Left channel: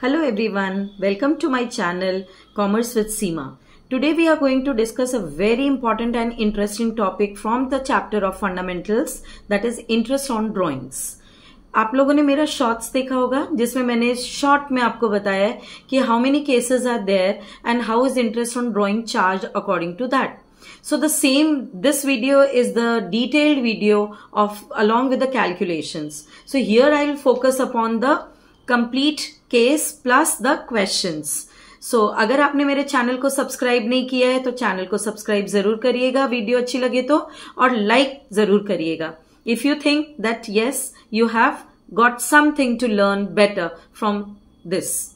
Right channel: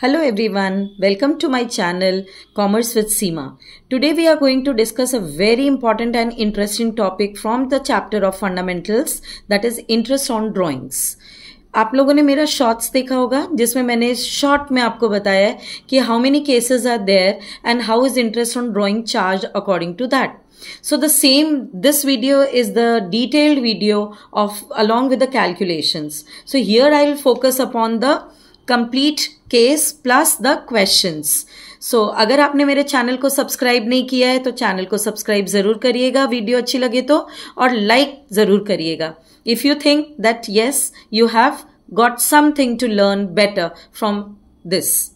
Hello everyone, welcome to my channel Commerce with Seema. Today we are going to discuss a very important and interesting topic from the chapter of fundamentals, that is interest on drawings. आप लोगों ने मेरा shorts देखा होगा जिसमें मैंने short में आपको बताया है कि how many cases are there and how is interest on drawing charge according to that. So this video is the detailed video of along with the calculations. So here I will focus upon the complete case plus the questions. So अगर आपने मेरे channel को subscribe नहीं किया है तो channel को subscribe जरूर करिएगा, वीडियो अच्छी लगे तो, और लाइक जरूर करिएगा. If you think that yes, you have got something to learn better from this.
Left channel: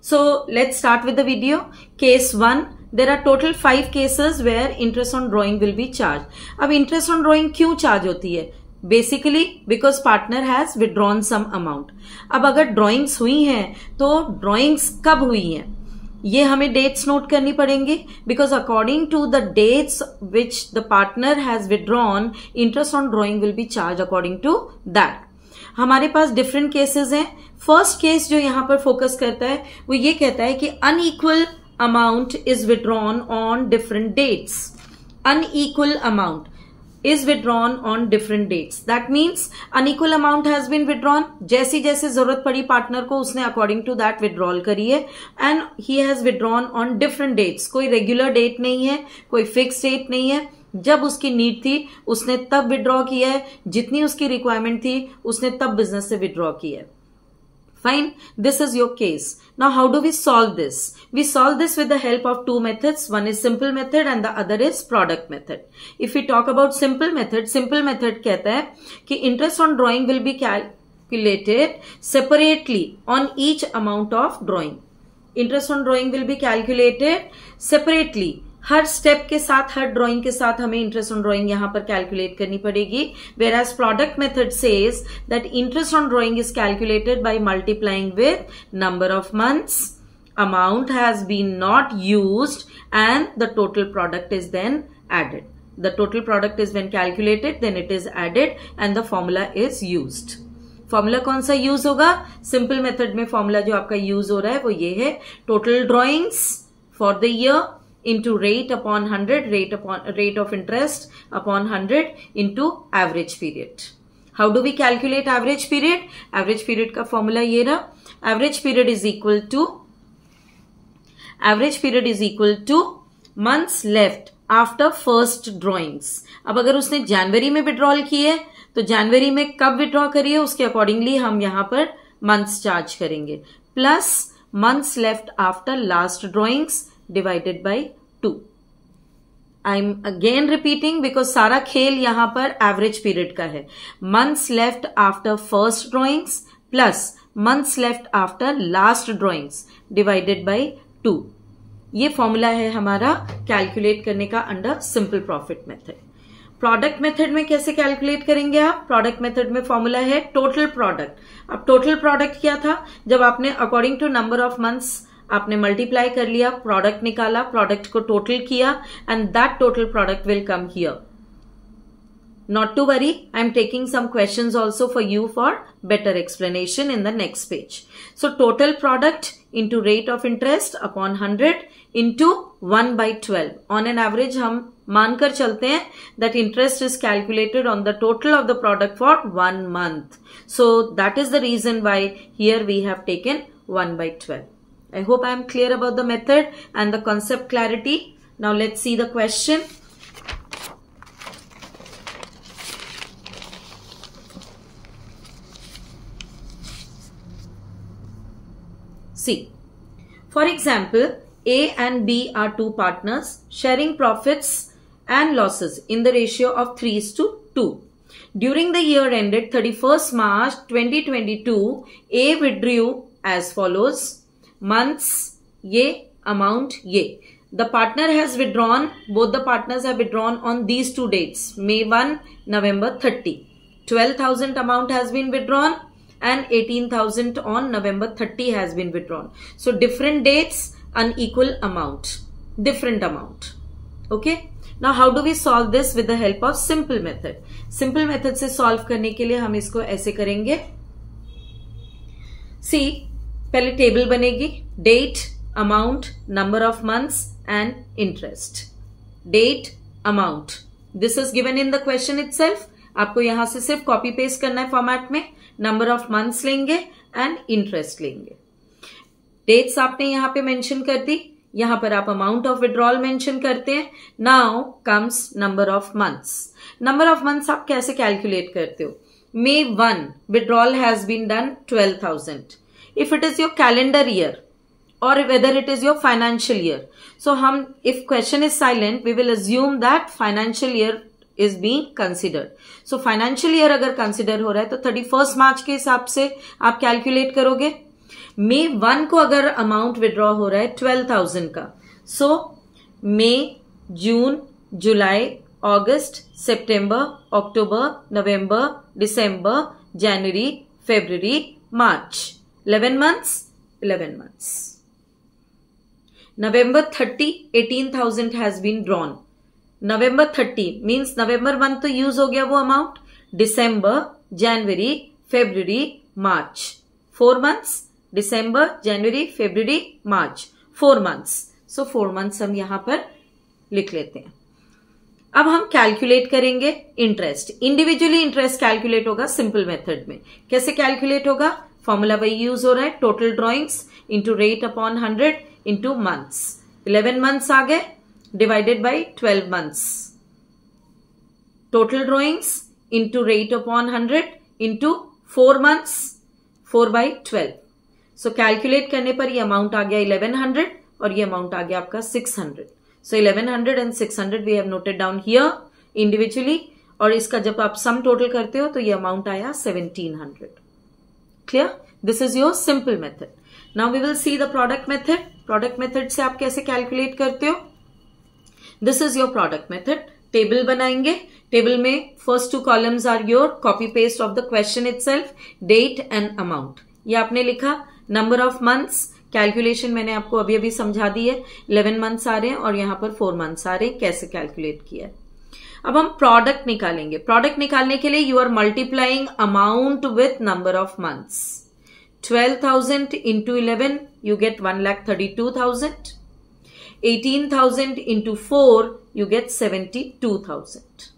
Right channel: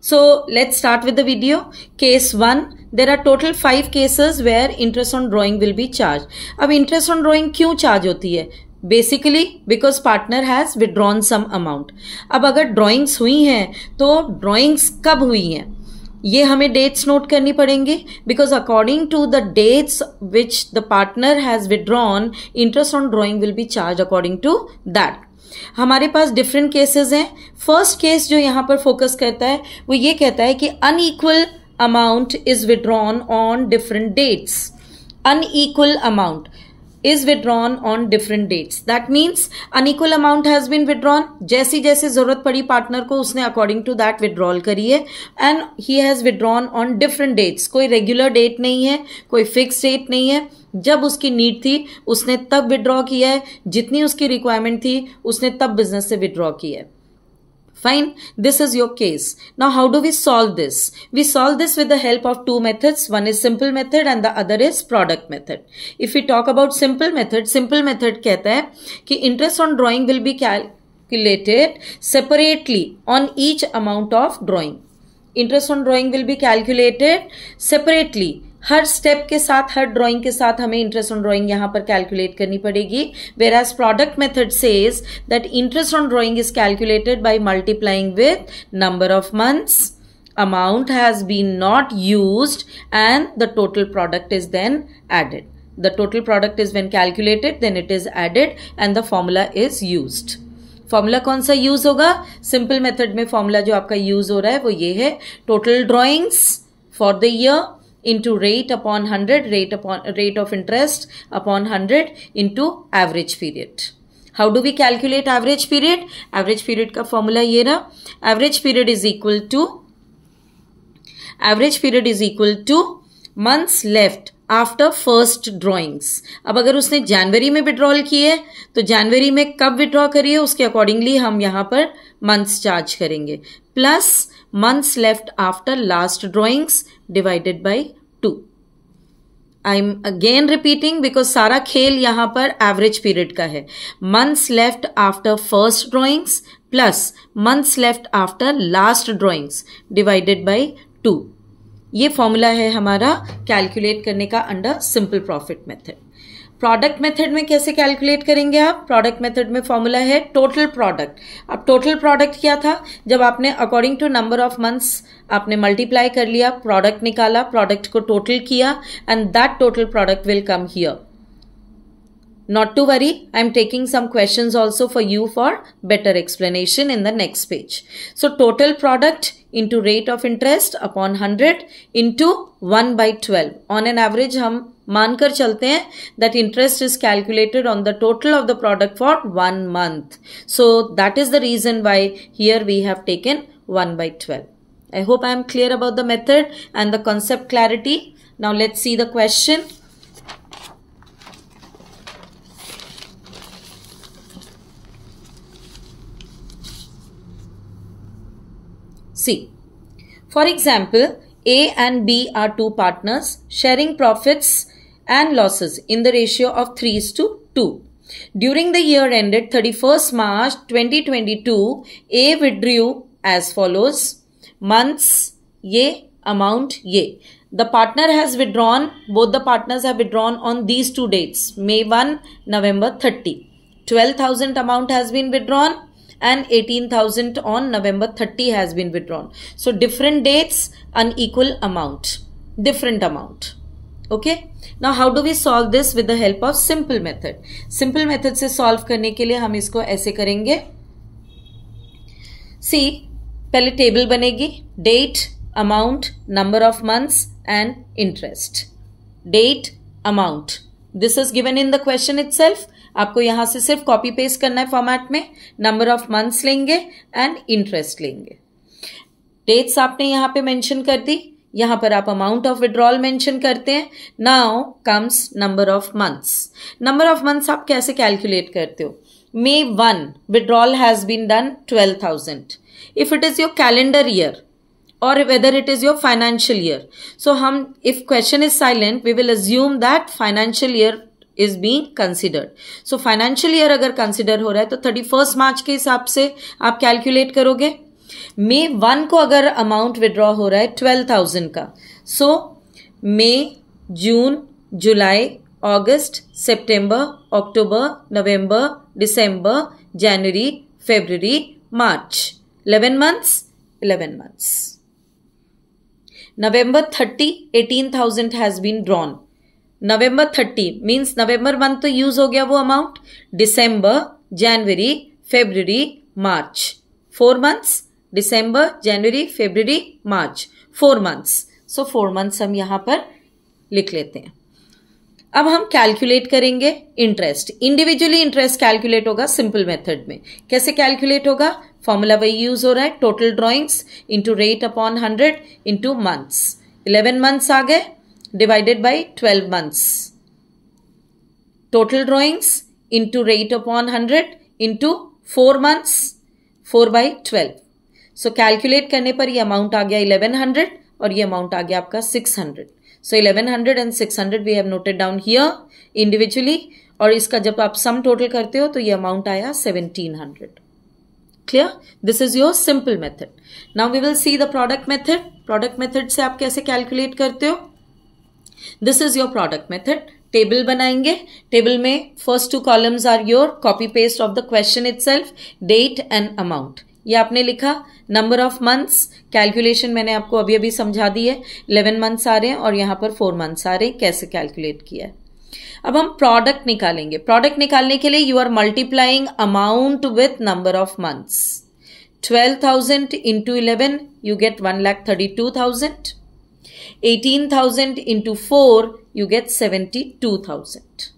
So let's start with the video. Case 1. There are total 5 cases where interest on drawing will be charged. अब interest on drawing क्यों charge होती है? Basically because partner has withdrawn some amount. अब अगर drawings हुई हैं तो drawings कब हुई हैं ये हमें dates note करनी पड़ेंगी, because according to the dates which the partner has withdrawn, interest on drawing will be charged according to that. हमारे पास डिफरेंट केसेस हैं. फर्स्ट केस जो यहां पर फोकस करता है वो ये कहता है कि unequal amount is withdrawn on different dates. Unequal amount is withdrawn on different dates. That means unequal amount has been withdrawn. जैसी जैसे जरूरत पड़ी पार्टनर को उसने according to that withdrawal करी है, and he has withdrawn on different dates. कोई regular date नहीं है, कोई फिक्स डेट नहीं है. जब उसकी नीड थी उसने तब विड्रॉ किया है, जितनी उसकी रिक्वायरमेंट थी उसने तब बिजनेस से विड्रॉ किया है. Fine, this is your case. Now how do we solve this? We solve this with the help of two methods. One is simple method and the other is product method. If we talk about simple method कहता है कि interest on drawing will be calculated separately on each amount of drawing. Interest on drawing will be calculated separately. Her step के साथ, हर drawing के साथ हमें interest on drawing यहां पर कैलकुलेट करनी पड़ेगी. Whereas product method says that interest on drawing is calculated by multiplying with number of months, amount has been not used, and the total product is then added. The total product is when calculated, then it is added and the formula is used. Formula कौन सा use होगा? Simple method में formula जो आपका use हो रहा है वो ये है, total drawings for the year into rate upon 100, rate of interest upon 100 into average period. How do we calculate average period? Average period का formula ये रहा. Average period is equal to months left after first drawings. अब अगर उसने जनवरी में withdrawal किए तो जनवरी में कब विड्रॉ करिए उसके अकॉर्डिंगली हम यहां पर मंथ्स चार्ज करेंगे, plus months left after last drawings divided by 2. I am again repeating because सारा खेल यहां पर एवरेज पीरियड का है. Months left after first drawings plus months left after last drawings divided by 2. ये फॉर्मूला है हमारा कैलकुलेट करने का under simple profit method. Product method में कैसे कैलकुलेट करेंगे आप? प्रोडक्ट मेथड में फॉर्मूला है टोटल प्रोडक्ट. अब टोटल प्रोडक्ट क्या था? जब आपने according to number of months आपने मल्टीप्लाई कर लिया, प्रोडक्ट निकाला, प्रोडक्ट को टोटल किया, and that total product will come here. Not to worry, I am taking some questions also for you for better explanation in the next page. So total product into rate of interest upon 100 into 1 by 12. On an average हम मानकर चलते हैं that interest is calculated on the total of the product for 1 month. So that is the reason why here we have taken 1 by 12. I hope I am clear about the method and the concept clarity. Now let's see the question. See, for example, A and B are two partners sharing profits and losses in the ratio of 3:2. During the year ended 31st March 2022, A withdrew as follows. Months ये, amount ये. The partner has withdrawn, both the partners have withdrawn on these two dates, May 1, November 30. 12,000 amount has been withdrawn and 18,000 on November 30 has been withdrawn. So different dates, unequal amount, different amount. Okay. Now how do we solve this? With the help of simple method. Simple method से solve करने के लिए हम इसको ऐसे करेंगे. See, पहले table बनेगी, date, amount, number of months and interest. Date, amount, this is given in the question itself. आपको यहां से सिर्फ कॉपी पेस्ट करना है फॉर्मेट में. नंबर ऑफ मंथ्स लेंगे एंड इंटरेस्ट लेंगे. डेट्स आपने यहां पे मेंशन कर दी, यहां पर आप अमाउंट ऑफ विड्रॉल मेंशन करते हैं. Now comes number of months. Number of months आप कैसे कैलकुलेट करते हो? May 1 withdrawal has been done 12,000. If it is your calendar year or whether it is your financial year, so if question is silent, we will assume that financial year is being considered. So financial year अगर consider हो रहा है तो 31st मार्च के हिसाब से आप calculate करोगे. May 1 को अगर अमाउंट विड्रॉ हो रहा है 12,000 का, so May, June, July, August, September, October, November, December, January, February, March. 11 months, 11 months. November 30, 18,000 has been drawn. November 30 means November month तो यूज हो गया वो amount. December, January, February, March. 4 months. December, January, February, March. 4 months. So 4 months हम यहां पर लिख लेते हैं. अब हम कैलकुलेट करेंगे इंटरेस्ट. इंडिविजुअली इंटरेस्ट कैलकुलेट होगा सिंपल मेथड में. कैसे कैलकुलेट होगा? फॉर्मूला वही यूज हो रहा है, total drawings into rate upon 100 into months. 11 months आ गए divided by 12 months. Total drawings into rate upon 100 into 4 months, 4 by 12. So calculate करने पर ये अमाउंट आ गया 1100 और ये अमाउंट आ गया आपका 600. So 1100 and 600 we have noted down here individually, और इसका जब आप सम टोटल करते हो तो ये अमाउंट आया 1700. Clear? This is your simple method. Now we will see the product method. Product method से आप कैसे कैलकुलेट करते हो? This is your product method. Table बनाएंगे. टेबल में first 2 columns are your copy paste of the question itself, date and amount. ये आपने लिखा. नंबर ऑफ मंथ्स कैलकुलेशन मैंने आपको अभी अभी समझा दी है. 11 मंथ्स आ रहे हैं और यहां पर 4 मंथ्स आ रहे हैं. कैसे कैलकुलेट किया है? अब हम प्रोडक्ट निकालेंगे. प्रोडक्ट निकालने के लिए you are multiplying amount with number of months. 12,000 into 11 you get 1,32,000. 18,000 into 4 you get 72,000.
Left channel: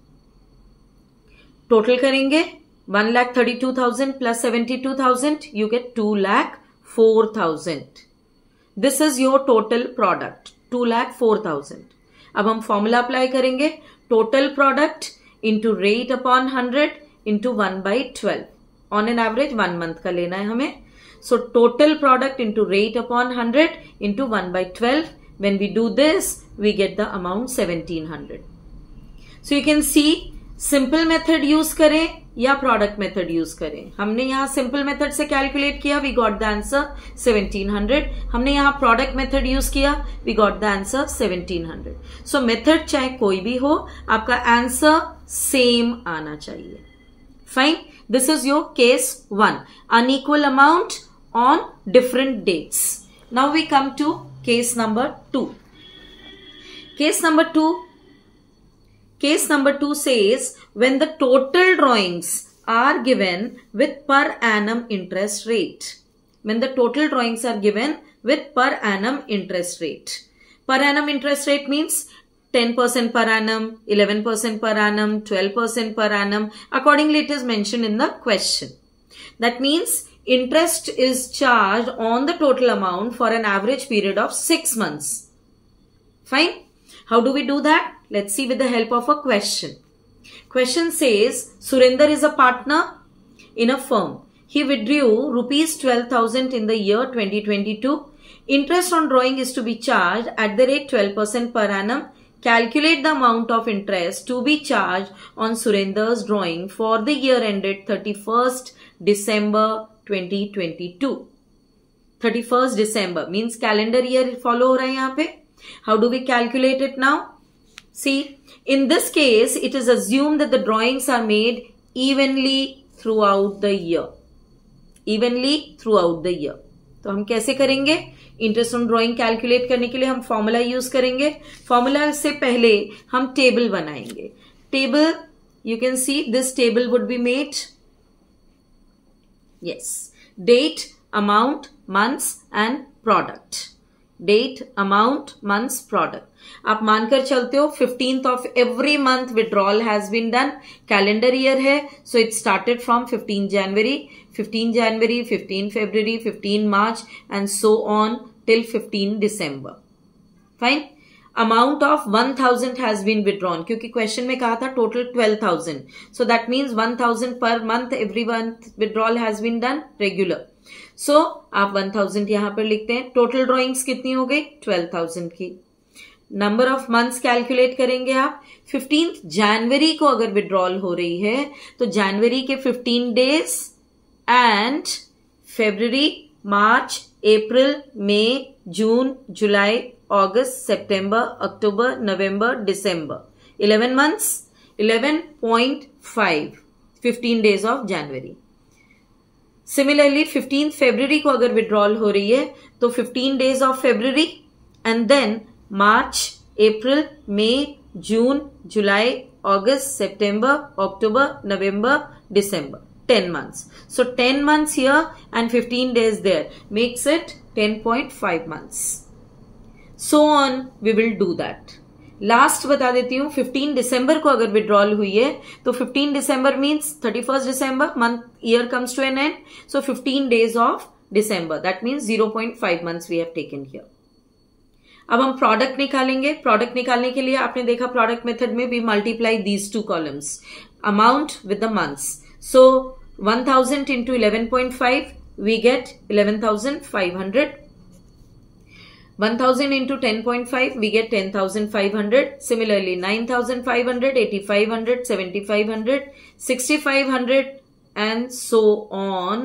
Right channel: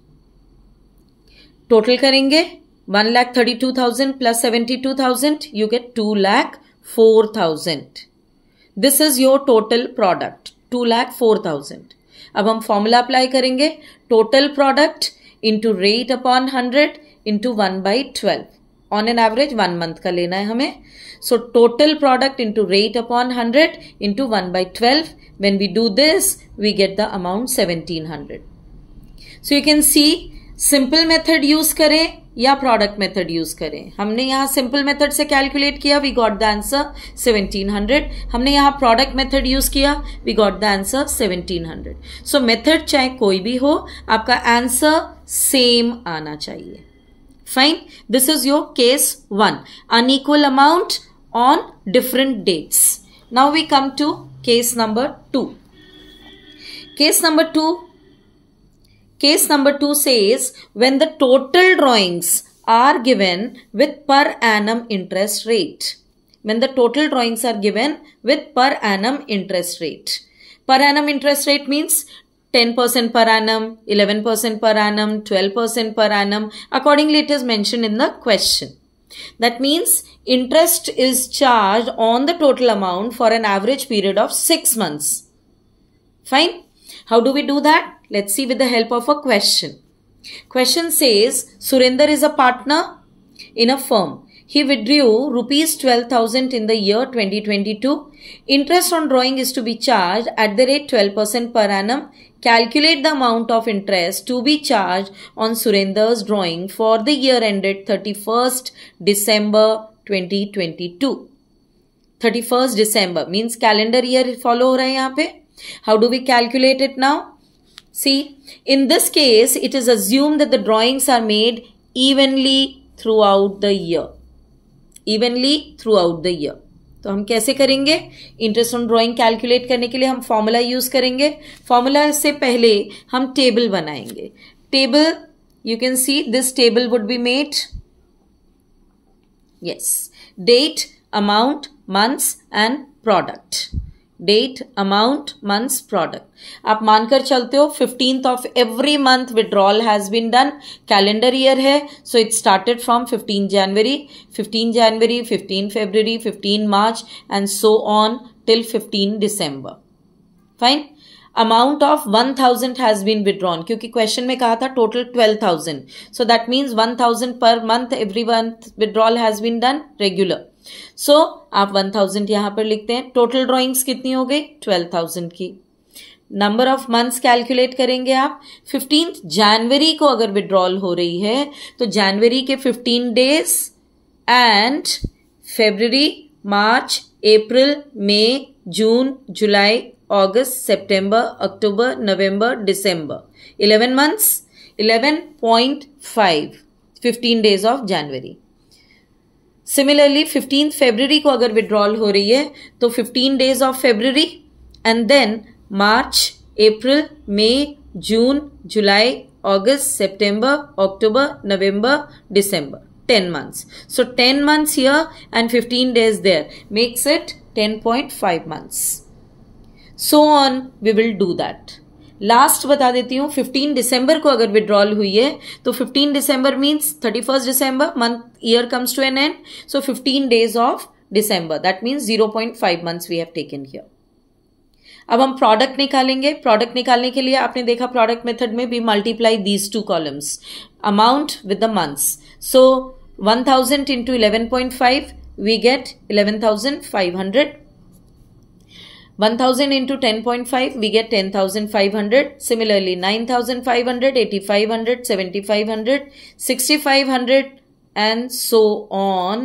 Total करेंगे 1,32,000 plus 72,000 you get 2,04,000. This is your total product, 2,04,000. अब हम फॉर्मूला अप्लाई करेंगे. Total product into rate upon 100 into 1/12. On an average 1 month का लेना है हमें. So total product into rate upon 100 into 1/12. When we do this we get the amount 1700. So you can see simple method use करें या product method use करें. हमने यहां simple method से कैलकुलेट किया, वी गॉट द आंसर 1700. हमने यहां product method use किया, we got the answer 1700. So method चाहे कोई भी हो, आपका आंसर सेम आना चाहिए. Fine. This is your case 1, unequal amount on different dates. Now we come to case number 2. Case number 2 says when the total drawings are given with per annum interest rate. When the total drawings are given with per annum interest rate. Per annum interest rate means 10% per annum, 11% per annum, 12% per annum. Accordingly, it is mentioned in the question. That means interest is charged on the total amount for an average period of 6 months. Fine. How do we do that? Let's see with the help of a question. Question says, Surinder is a partner in a firm. He withdrew rupees 12,000 in the year 2022. Interest on drawing is to be charged at the rate 12% per annum. Calculate the amount of interest to be charged on Surinder's drawing for the year ended 31st December 2022. 31st December means calendar year follow हो रहा है यहाँ पे. How do we calculate it now? See, in this case, it is assumed that the drawings are made evenly throughout the year. Evenly throughout the year. तो हम कैसे करेंगे? Interest on drawing calculate करने के लिए हम फॉर्मूला यूज करेंगे. Formula से पहले हम टेबल बनाएंगे. Table, you can see this table would be made. Yes. Date, amount, months and product. Date, amount, months, product. आप मानकर चलते हो 15th of every month withdrawal has been done. Calendar year है, so it started from 15 January, 15 January, 15 February, 15 March and so on till 15 December. Fine. Amount of 1000 has been withdrawn क्योंकि question में कहा था total 12,000. So that means 1000 per month every month withdrawal has been done regular. So आप 1000 यहां पर लिखते हैं. Total drawings कितनी हो गई? 12,000 की. नंबर ऑफ मंथ्स कैलकुलेट करेंगे आप. 15 जनवरी को अगर विड्रॉल हो रही है तो जनवरी के 15 days and February, March, April, May, June, July, August, September, October, November, December. 11 months, 11.5, 15 days of January. Similarly, 15th February को अगर withdrawal हो रही है तो 15 days of February and then March, April, May, June, July, August, September, October, November, December. 10 months. So 10 months here and 15 days there makes it 10.5 months. So on we will do that. Last बता देती हूँ. 15 दिसंबर को अगर withdrawal हुई है तो 15 December means 31st December, month year comes to an end. So 15 days of December, that means 0.5 months we have taken here. अब हम प्रोडक्ट निकालेंगे. प्रोडक्ट निकालने के लिए आपने देखा प्रोडक्ट मेथड में भी multiply these two columns, amount with the months. So 1000 into 11.5 we get 11,500. 1000 into 10.5 we get 10,500. Similarly 9,500, 8,500, 7,500, 6,500 and so on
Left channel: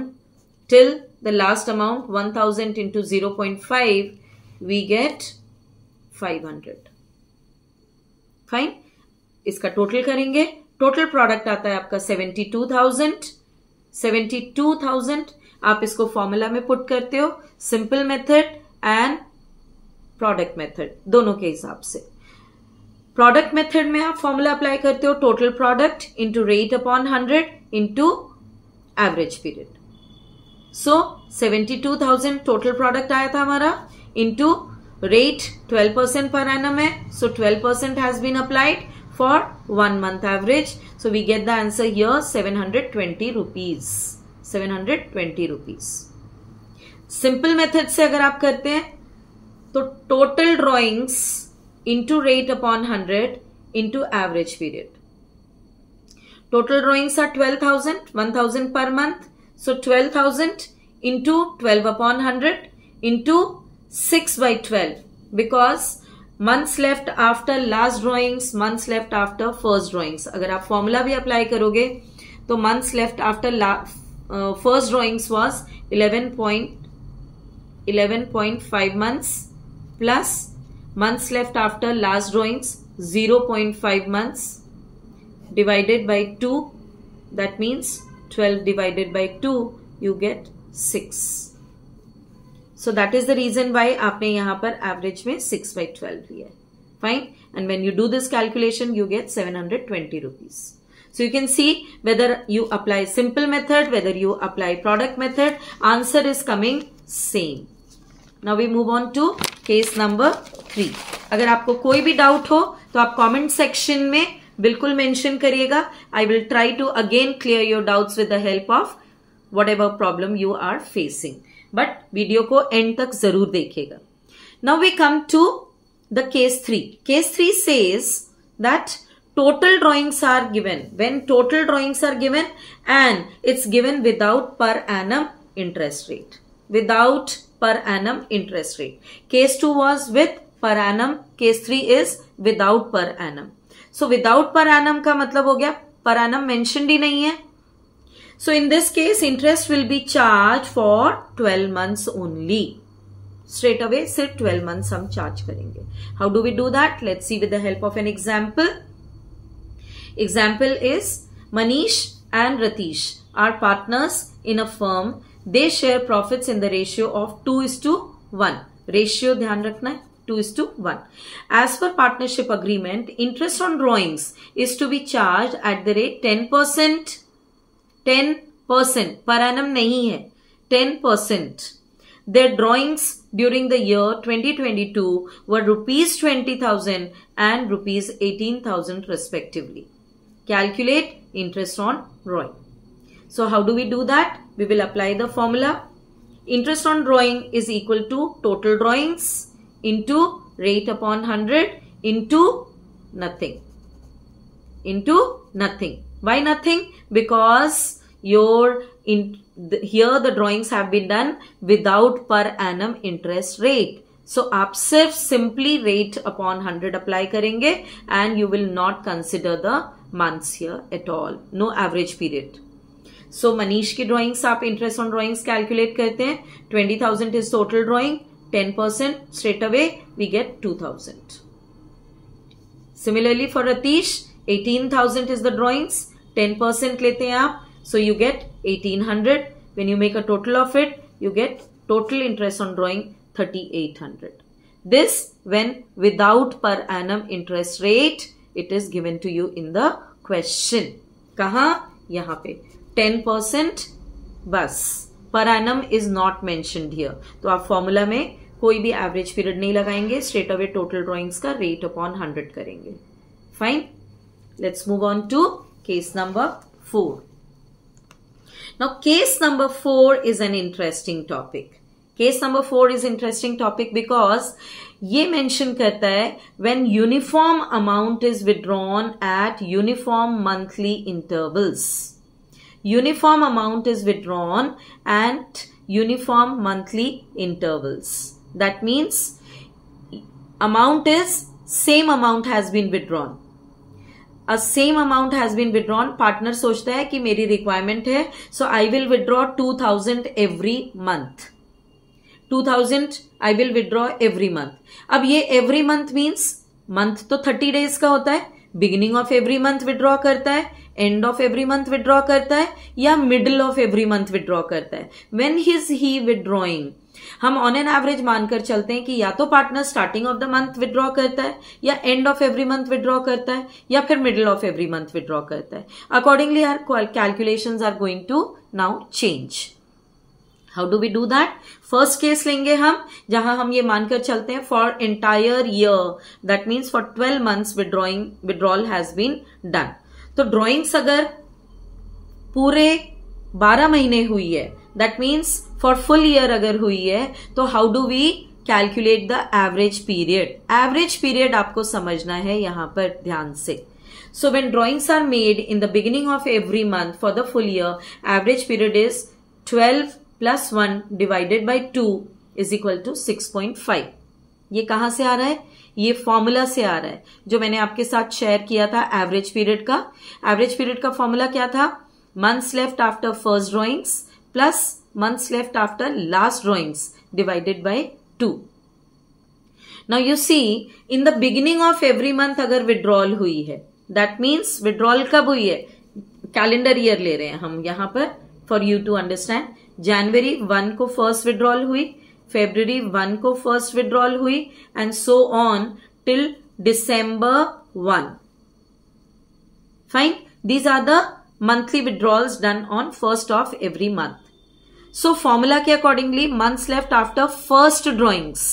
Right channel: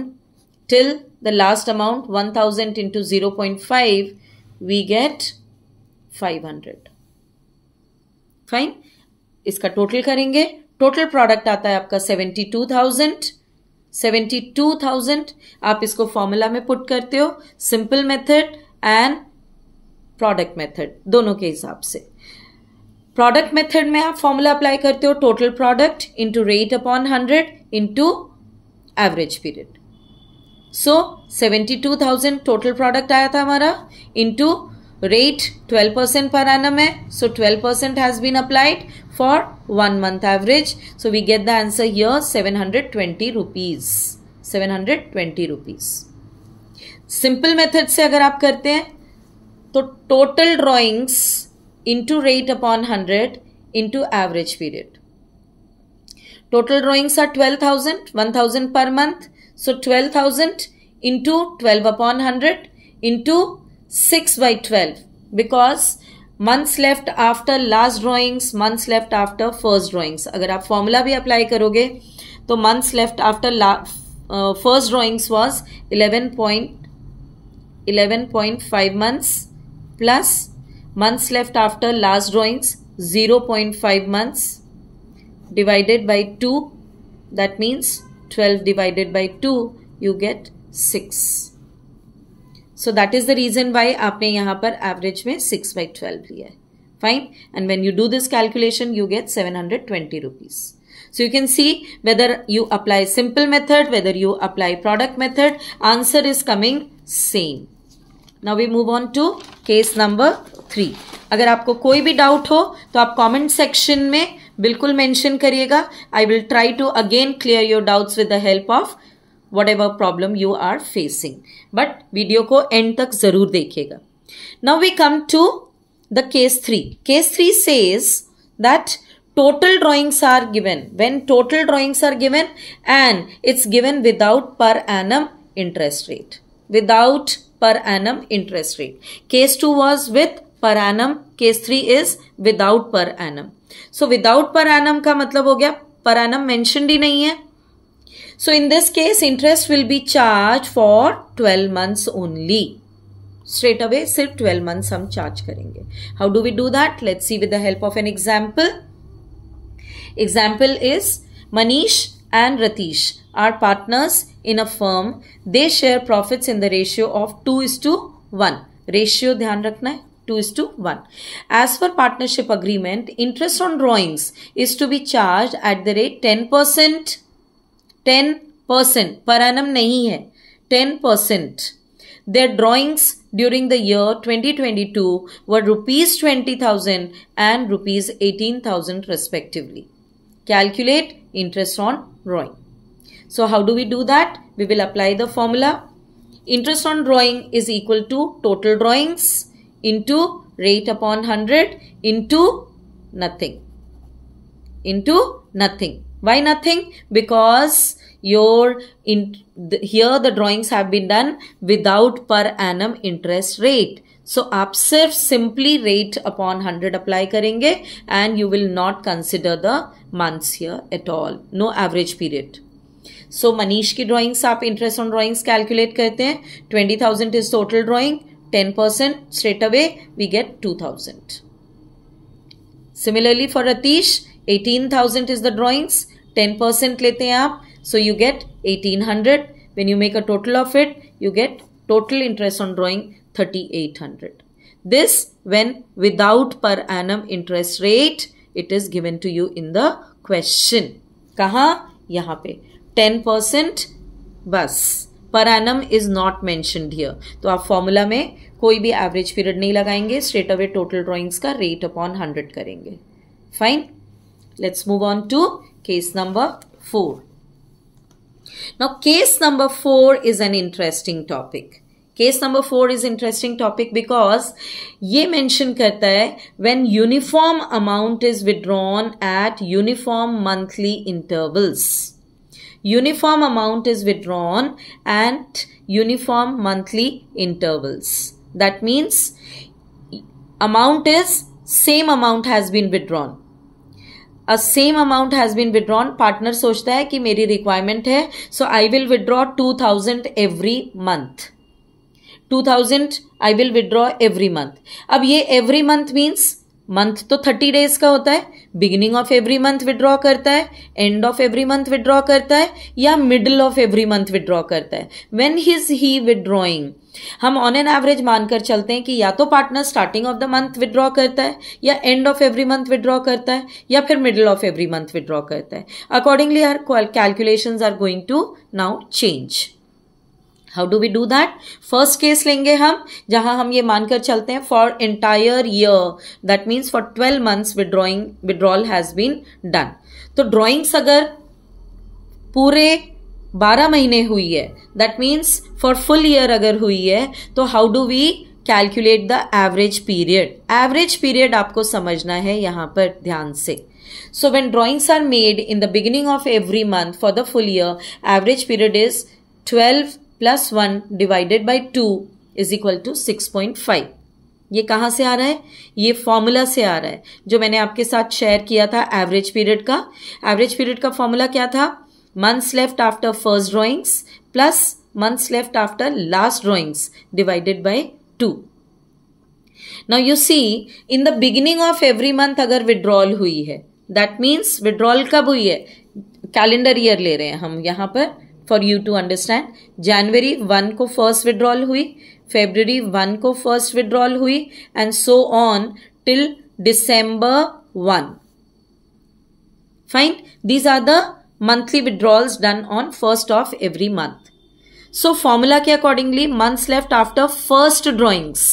till the last amount 1000 into 0.5 we get 500. Fine. इसका total करेंगे. Total product आता है आपका 72,000. 72,000 आप इसको formula में put करते हो, simple method and product method दोनों के हिसाब से. प्रोडक्ट मेथड में आप फॉर्मूला अप्लाई करते हो total product into rate upon 100 into average period. So 72,000 total product आया था हमारा इंटू रेट 12% पर एनम है. So 12% has been applied for 1 month average. So we get the answer here 720 rupees. 720 rupees. Simple method से अगर आप करते हैं तो total drawings into rate upon 100 into average period. Total drawings are 12,000, 1,000 per month. So 12,000 into 12 upon 100 into 6/12 because months left after last drawings, months left after first drawings. अगर आप formula भी apply करोगे तो months left after first drawings was 11.5 months plus months left after last drawings 0.5 months divided by 2, that means 12 divided by 2 you get 6. So that is the reason why आपने यहाँ पर average में 6/12 लिया है. Fine. And when you do this calculation you get 720 rupees. So you can see whether you apply simple method, whether you apply product method, answer is coming same. Now we move on to case number 3. अगर आपको कोई भी doubt हो तो आप comment section में बिल्कुल mention करिएगा. I will try to again clear your doubts with the help of whatever problem you are facing. But video को एंड तक जरूर देखिएगा. Now we come to the case 3. Case 3 says that total drawings are given. When total drawings are given and it's given without per annum interest rate. Without per annum interest rate. Case 2 was with per annum. Case 3 is without per annum. So without per annum का मतलब हो गया per annum mentioned ही नहीं है. So in this case interest will be charged for 12 months only. Straight away सिर्फ 12 months हम charge करेंगे. How do we do that? Let's see with the help of an example. Example is Manish and Ratish are partners in a firm. They share profits in the ratio of 2:1. Ratio ध्यान रखना है 2:1. As per partnership agreement, interest on drawings is to be charged at the rate 10%. 10% per annum नहीं है 10%. their drawings during the year 2022 were rupees 20,000 and rupees 18,000 respectively. Calculate interest on drawing. So how do we do that? We will apply the formula. Interest on drawing is equal to total drawings into rate upon 100 into nothing. Why nothing? Because here the drawings have been done without per annum interest rate. So आप सिर्फ simply rate upon 100 apply करेंगे and you will not consider the months here at all. No average period. So Manish की drawings आप interest on drawings calculate करते हैं. 20,000 is total drawing. 10% straight away we get 2,000. Similarly for Ratish, 18,000 is the drawings. 10% लेते हैं आप. So you get 1,800. When you make a total of it, you get total interest on drawing 3,800. This when without per annum interest rate, it is given to you in the question. कहाँ? यहाँ पे 10% बस. Per annum is not mentioned here. तो आप formula में कोई भी average period नहीं लगाएंगे. स्ट्रेट अवे टोटल ड्रॉइंग्स का रेट अपॉन 100 करेंगे. Fine. Let's move on to case number 4. Now case number 4 is an interesting topic. Case number 4 is interesting topic because ये mention करता है when uniform amount is withdrawn at uniform monthly intervals. Uniform amount is withdrawn at uniform monthly intervals. That means amount is same amount has been withdrawn. A same amount has been withdrawn. Partner सोचता है कि मेरी requirement है, so I will withdraw 2,000 every month. 2,000 I will withdraw every month. अब ये every month means month तो 30 days का होता है. Beginning of every month withdraw करता है, end of every month withdraw करता है, या middle of every month withdraw करता है. When is he withdrawing? हम ऑन एन एवरेज मानकर चलते हैं कि या तो partner starting of the month withdraw करता है, या end of every month withdraw करता है, या फिर middle of every month withdraw करता है. Accordingly our calculations are going to now change. How do we do that? First case लेंगे हम जहां हम ये मानकर चलते हैं for entire year, that means for 12 months withdrawal has been done. तो ड्रॉइंग्स अगर पूरे 12 महीने हुई है, that means for full year अगर हुई है, तो how do we calculate the average period? Average period आपको समझना है यहां पर ध्यान से. So when drawings are made in the beginning of every month for the full year, average period is 12 + 1 divided by 2 is equal to 6.5. ये कहां से आ रहा है? ये फॉर्मूला से आ रहा है जो मैंने आपके साथ शेयर किया था एवरेज पीरियड का. एवरेज पीरियड का फॉर्मूला क्या था? months left after first drawings plus months left after last drawings divided by 2. Now you see in the beginning of every month अगर withdrawal हुई है, that means withdrawal कब हुई है? कैलेंडर ईयर ले रहे हैं हम यहाँ पर for you to understand. January 1 को first withdrawal हुई, February 1 को first withdrawal हुई, and so on till December 1. Fine. These are the monthly withdrawals done on first of every month. So formula के accordingly months left after first drawings,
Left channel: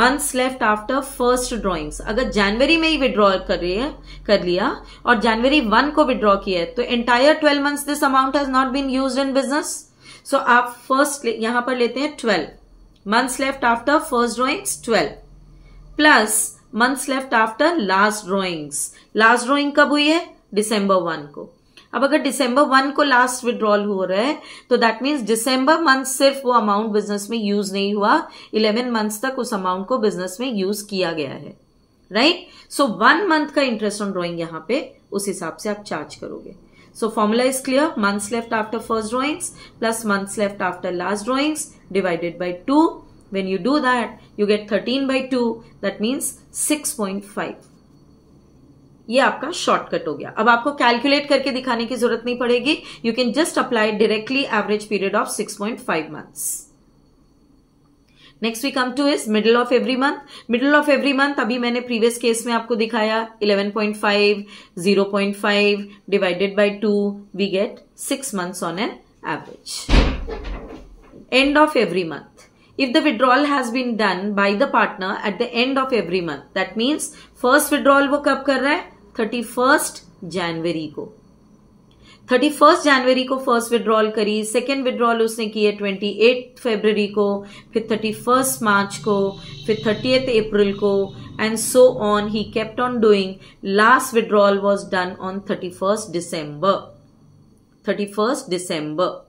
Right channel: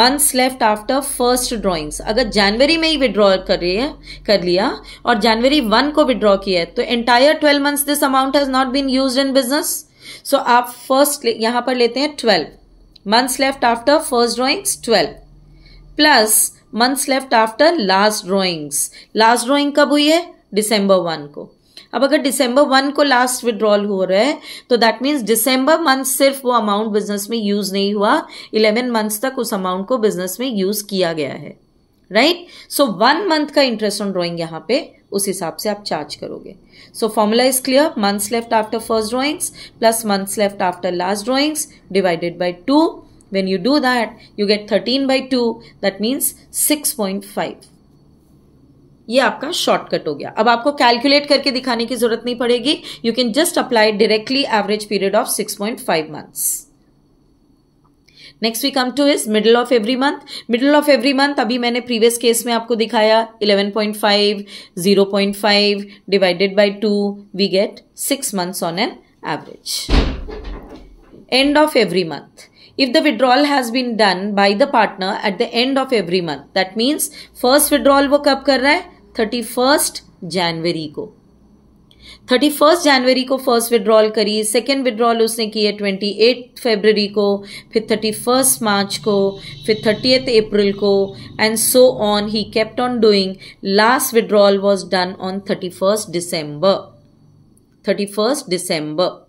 months left after first drawings. अगर जनवरी में ही withdraw कर लिया और जनवरी 1 को withdraw किया है, तो entire 12 months this amount has not been used in business. So आप first यहां पर लेते हैं 12 months left after first drawings 12 plus months left after last drawings. Last drawing कब हुई है? December 1 को. अब अगर December 1 को लास्ट विड्रॉल हो रहा है, तो दैट मीन्स December मंथ सिर्फ वो अमाउंट बिजनेस में यूज नहीं हुआ, 11 मंथ्स तक उस अमाउंट को बिजनेस में यूज किया गया है. राइट? सो 1 मंथ का इंटरेस्ट ऑन ड्रॉइंग यहां पे उस हिसाब से आप चार्ज करोगे. So formula is clear. Months left after first drawings plus months left after last drawings divided by 2. When you do that, you get 13/2. That means 6.5. ये आपका शॉर्टकट हो गया. अब आपको कैलकुलेट करके दिखाने की जरूरत नहीं पड़ेगी. You can just apply directly average period of 6.5 months. Next we come to is middle of every month. Middle of every month अभी मैंने प्रीवियस केस में आपको दिखाया 11.5, 0.5 divided by 2 we get 6 months on an average. End of every month. if the withdrawal has been done by the partner at the end of every month, that means first withdrawal वो कब कर रहा है? 31st जनवरी को. 31st जनवरी को first withdrawal करी, second withdrawal उसने की है 28 फरवरी को, फिर 31st मार्च को, फिर 30th अप्रैल को, and so on he kept on doing. Last withdrawal was done on 31st December. 31st December.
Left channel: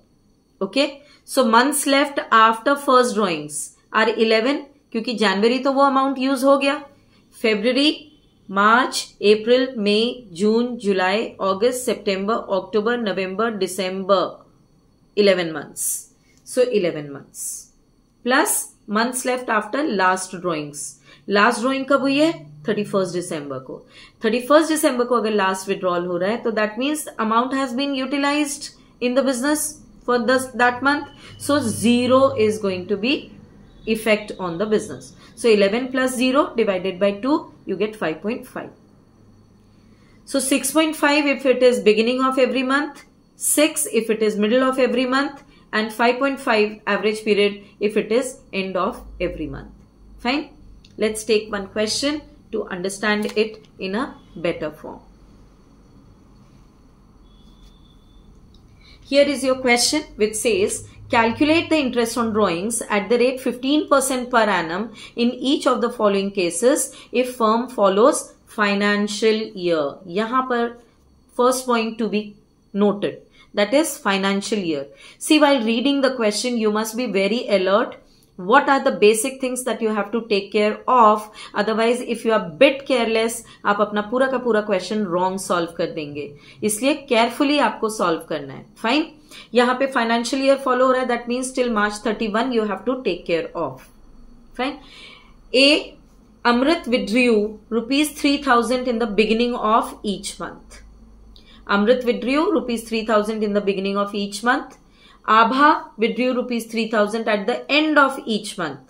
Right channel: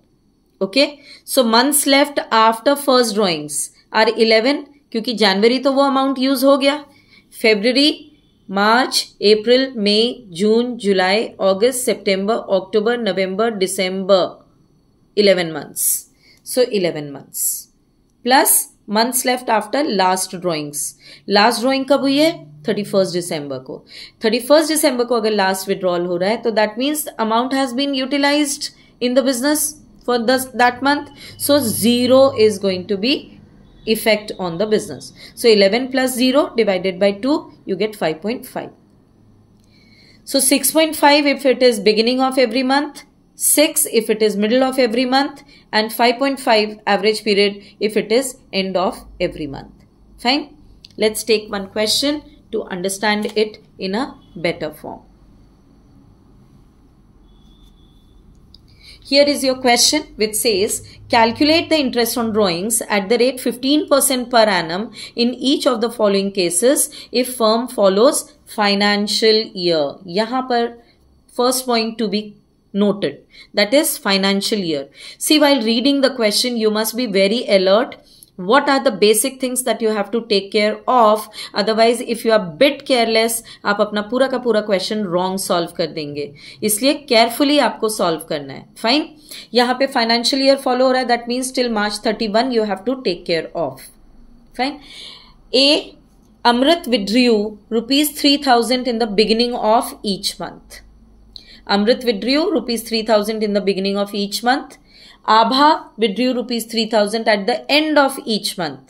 Okay, so months left after first drawings are 11, क्योंकि जनवरी तो वो अमाउंट यूज हो गया. February, March, April, May, June, July, अगस्त, सितंबर, अक्टूबर, नवंबर, दिसंबर, 11 months. So 11 months plus months left after last drawings. Last drawing कब हुई है? 31st दिसंबर को. 31st दिसंबर को अगर लास्ट विड्रॉल हो रहा है तो that means amount has been utilised in the business for that month. So 0 is going to be effect on the business. So 11 plus 0 divided by 2, you get 5.5. So 6.5 if it is beginning of every month, 6 if it is middle of every month, and 5.5 average period if it is end of every month. Fine. Let's take one question to understand it in a better form. Here is your question which says, calculate the interest on drawings at the rate 15% per annum in each of the following cases if firm follows financial year. यहाँ पर first point to be noted, that is financial year. See, while reading the question, you must be very alert. What are the basic things that you have to take care of? Otherwise, if you are bit careless, आप अपना पूरा का पूरा question wrong solve कर देंगे. इसलिए carefully आपको solve करना है. फाइन. यहाँ पे फाइनेंशियल ईयर फॉलो हो रहा है, that means till March 31 you have to take care of. Fine. A, Amrit withdrew ₹3,000 in the beginning of each month. Amrit withdrew ₹3,000 in the beginning of each month. Abha withdrew ₹3,000 at the end of each month.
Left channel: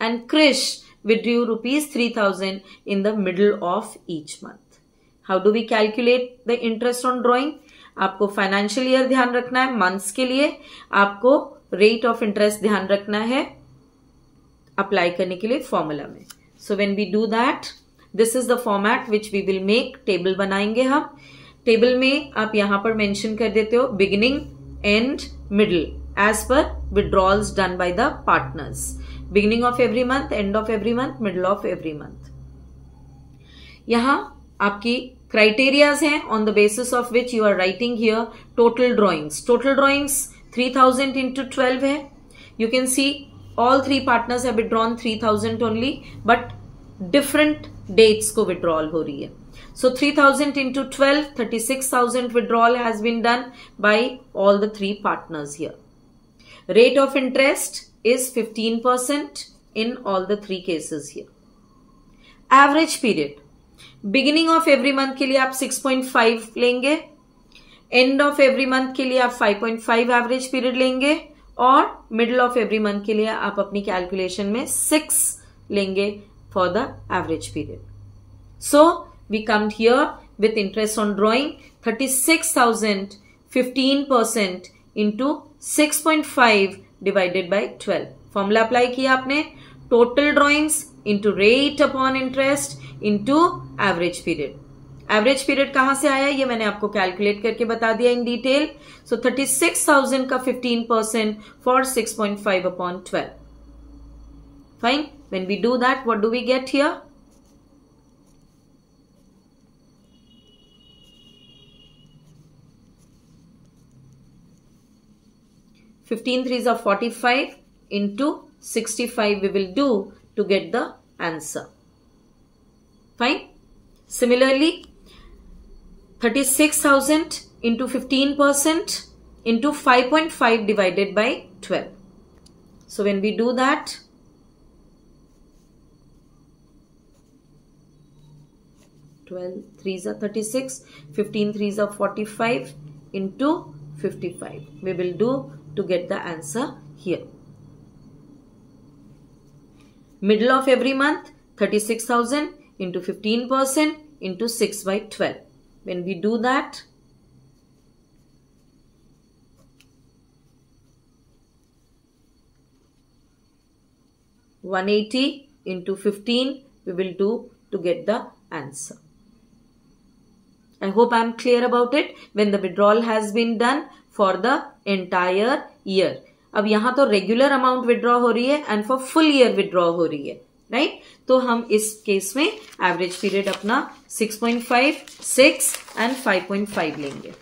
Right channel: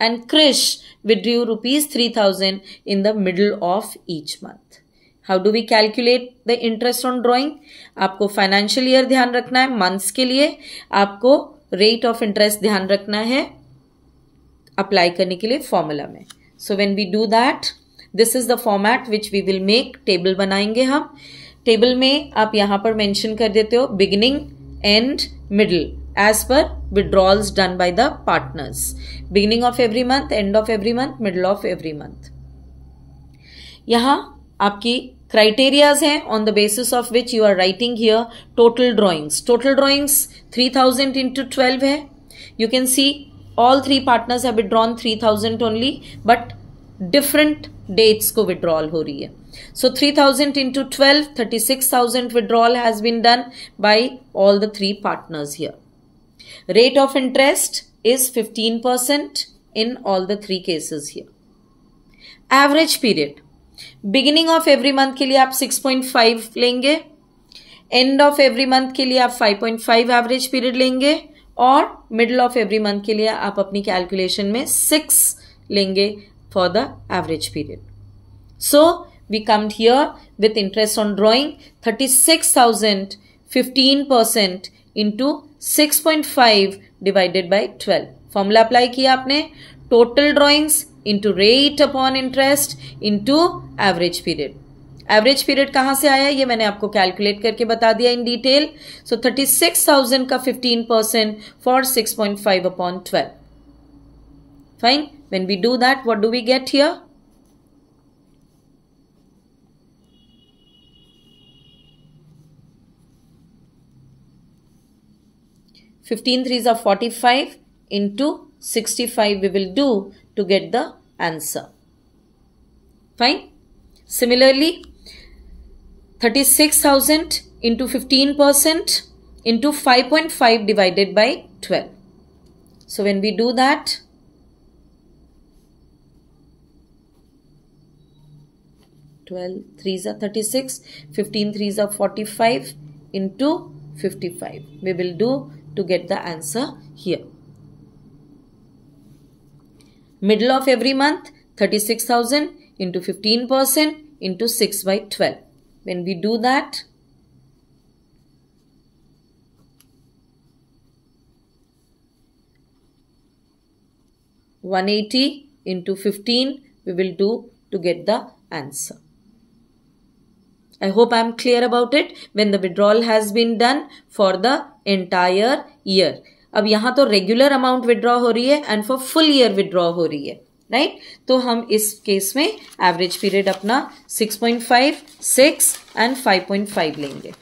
And Krish withdrew ₹3,000 in the middle of each month. How do we calculate the interest on drawing? आपको financial year ध्यान रखना है months के लिए. आपको rate of interest ध्यान रखना है apply करने के लिए formula में. So when we do that, this is the format which we will make. Table बनाएंगे हम. Table में आप यहाँ पर mention कर देते हो beginning, end, middle as per withdrawals done by the partners. Beginning of every month, end of every month, middle of every month. यहाँ आपकी criterias हैं on the basis of which you are writing here total drawings. Total drawings 3,000 into 12 है. You can see all three partners have withdrawn 3,000 only, but different dates को withdrawal हो रही है. So 3,000 into 12, 36,000 withdrawal has been done by all the three partners here. Rate of interest is 15% in all the three cases here. Average period. Beginning of every month के लिए आप 6.5 लेंगे. End of every month के लिए आप 5.5 average period लेंगे. और middle of every month के लिए आप अपनी calculation में 6 लेंगे for the average period. So we come here with interest on drawing 36,000, 15% into 6.5 divided by 12. Formula apply किया आपने. Total drawings into rate upon interest into average period. Average period कहाँ से आया ये मैंने आपको calculate करके बता दिया in detail. So 36,000 का 15% for 6.5 upon 12. Fine. When we do that, what do we get here? 15 threes are 45 into 65 we will do to get the answer. Fine. Similarly, 36,000 into 15% into 5.5 divided by 12. So when we do that, threes are 36, 15 threes are 45 into 55. We will do to get the answer here. Middle of every month, 36,000 into 15% into 6 by 12. When we do that, 180 into 15 we will do to get the answer. I hope I am clear about it. When the withdrawal has been done for the entire year. अब यहाँ तो regular amount withdraw हो रही है and for full year withdraw हो रही है, right? तो हम इस केस में एवरेज पीरियड अपना 6.5, 6 एंड 5.5 लेंगे.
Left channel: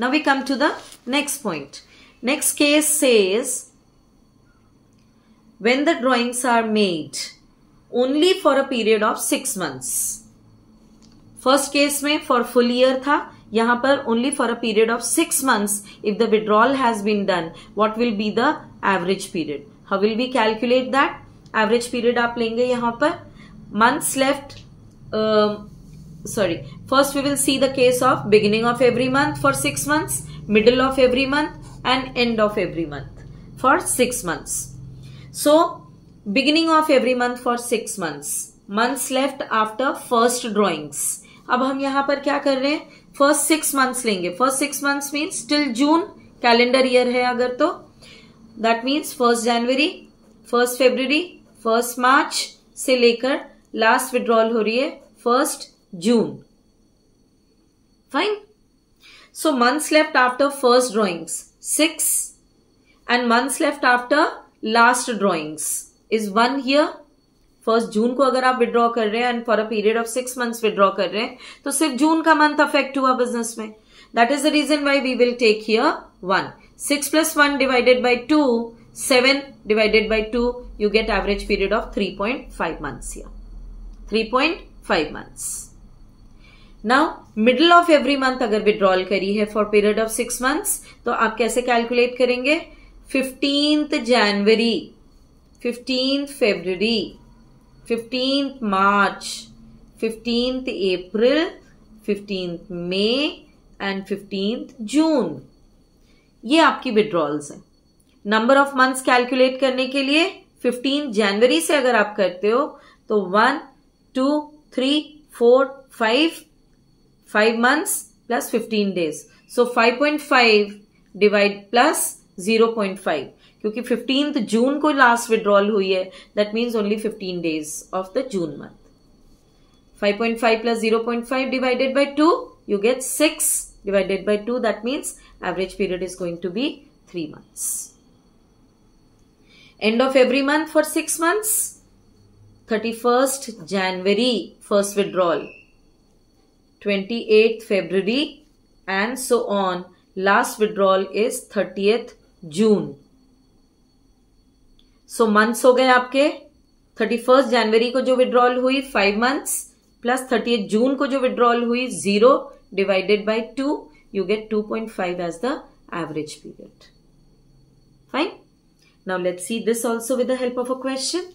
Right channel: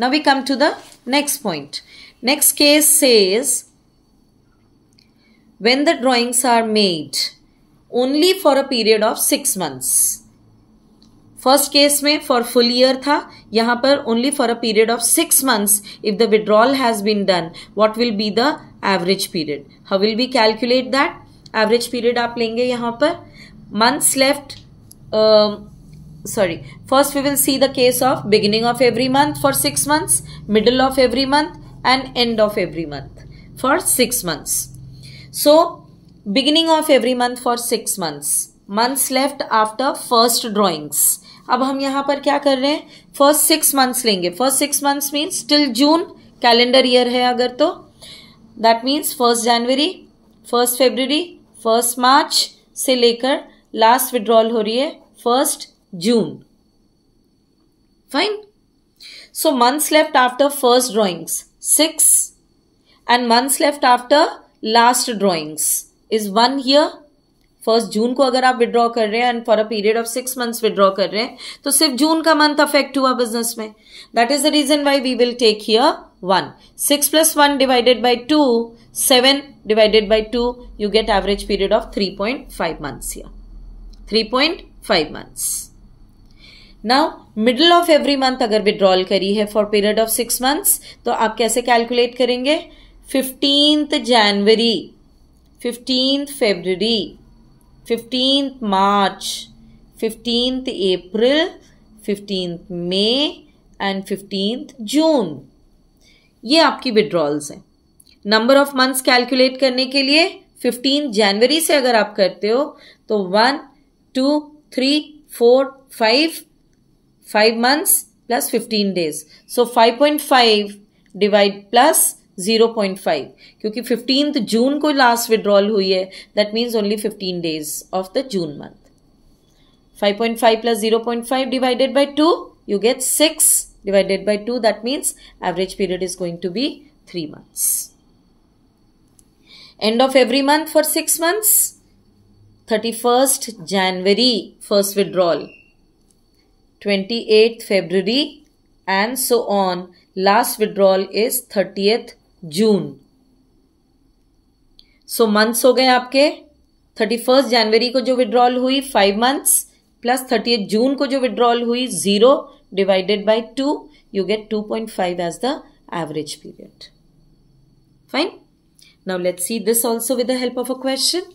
Now we come to the next point. Next case says when the drawings are made only for a period of 6 months. First case में फॉर फुल ईयर था, यहां पर only for a period of 6 months. If the withdrawal has been done, what will be the average period? How will be calculate that? Average period आप लेंगे यहां पर months left. First we will see the case of beginning of every month for 6 months, middle of every month end end of every month for 6 months. So, beginning of every month for 6 months. Months left after first drawings. अब हम यहां पर क्या कर रहे हैं? First 6 months लेंगे. First 6 months means till June, calendar year है अगर तो. That means 1st January, 1st February, 1st March से लेकर लास्ट विड्रॉल हो रही है 1st June. Fine. So, months left after first drawings 6 and months left after last drawings is 1 here. 1st June को अगर आप विड्रॉ कर रहे हैं and for a period of 6 months withdraw कर रहे हैं तो सिर्फ जून का मंथ अफेक्ट हुआ बिजनेस में. That is the reason why we will take here 1. 6 plus 1 divided by 2, 7 divided by 2, you get average period of 3.5 months here. 3.5 months. Now, middle of every month अगर withdrawal करी है for period of 6 months तो आप कैसे calculate करेंगे? 15th January, 15th February, 15th March, 15th April, 15th May and 15th June. ये आपकी withdrawals हैं. नंबर ऑफ मंथ्स कैलकुलेट करने के लिए 15 जनवरी से अगर आप करते हो तो 1, 2, 3, 4, 5 months plus 15 days. So 5.5 divide plus 0.5 क्योंकि 15th जून को लास्ट विड्रॉल हुई है. That means only 15 days of the June month. 5.5 plus 0.5 divided by 2, you get 6 divided by 2. That means average period is going to be 3 months. End of every month for 6 months. 31st January, first withdrawal. 28th February and so on. Last withdrawal is 30th June. So months हो गए आपके. 31st जनवरी को जो withdrawal हुई 5 months plus 30th जून को जो withdrawal हुई 0 divided by 2, you get 2.5 as the average period. Fine. Now let's see this also with the help of a question.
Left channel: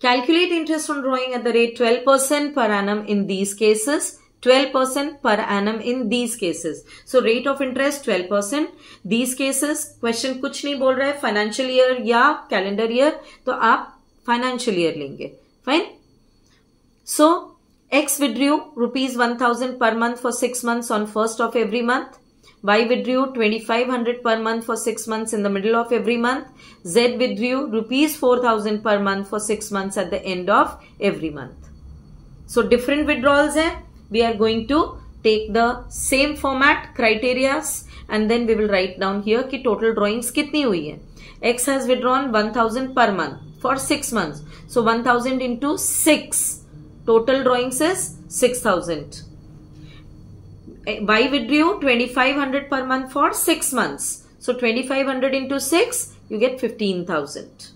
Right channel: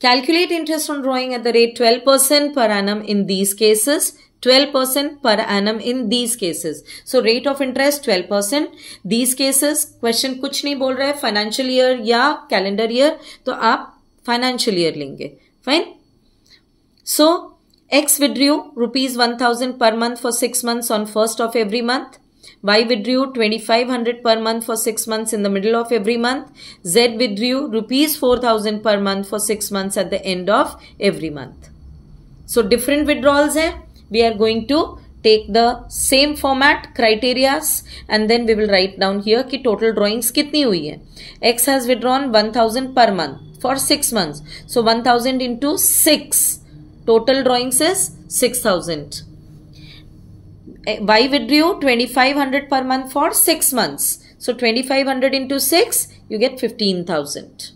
Calculate interest on drawing at the rate 12% per annum in these cases. 12% per annum in these cases. So rate of interest 12%. These cases question कुछ नहीं बोल रहा है financial year या calendar year, तो आप financial year लेंगे. Fine. So X withdrew ₹1,000 per month for 6 months on 1st of every month. Y withdrew 2,500 per month for 6 months in the middle of every month. Z withdrew ₹4,000 per month for 6 months at the end of every month. So different withdrawals हैं. We are going to take the same format, criterias, and then we will write down here कि total drawings कितनी हुई है. X has withdrawn 1,000 per month for 6 months. So 1,000 into 6. Total drawings is 6,000. Y withdrew 2,500 per month for 6 months. So 2,500 into 6, you get 15,000.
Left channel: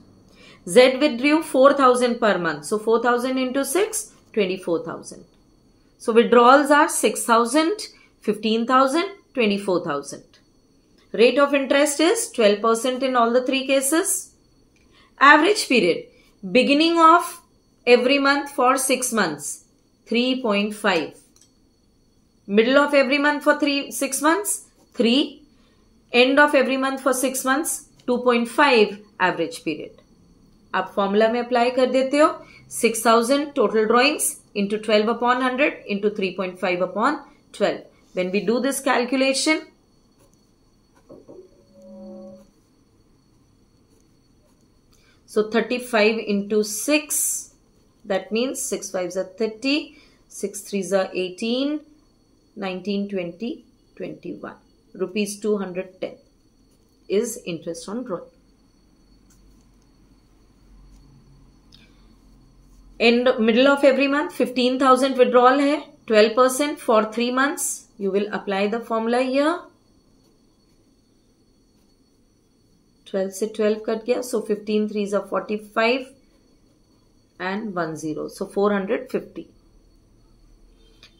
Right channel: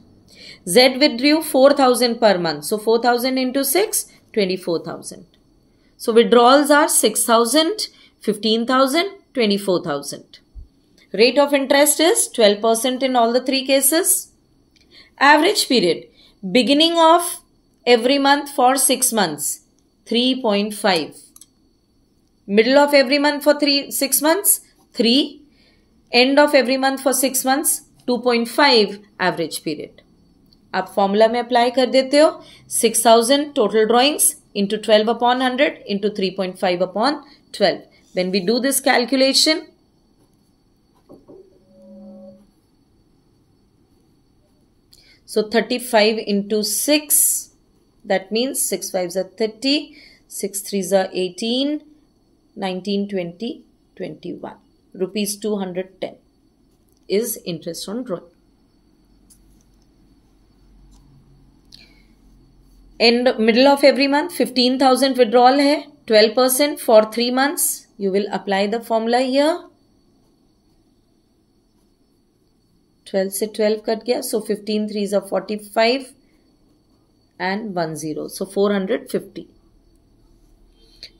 Z withdrew 4,000 per month. So 4,000 into 6, 24,000. So withdrawals are 6,000, 15,000, 24,000. Rate of interest is 12% in all the 3 cases. Average period. Beginning of every month for 6 months, 3.5. Middle of every month for 6 months, 3. End of every month for 6 months, 2.5 average period. आप formula में apply कर देते हो. 6,000 total drawings into 12 upon 100 into 3.5 upon 12. When we do this calculation, So 35 into 6, that means 6 5s are 30, 6 3s are 18, 19, 20, 21. Rupees 210 is interest on drawing. In the middle of every month, 15,000 withdrawal hai, 12% for 3 months. You will apply the formula here. 12 से 12 cut गया, so 15 3s are 45 and 10, so 450.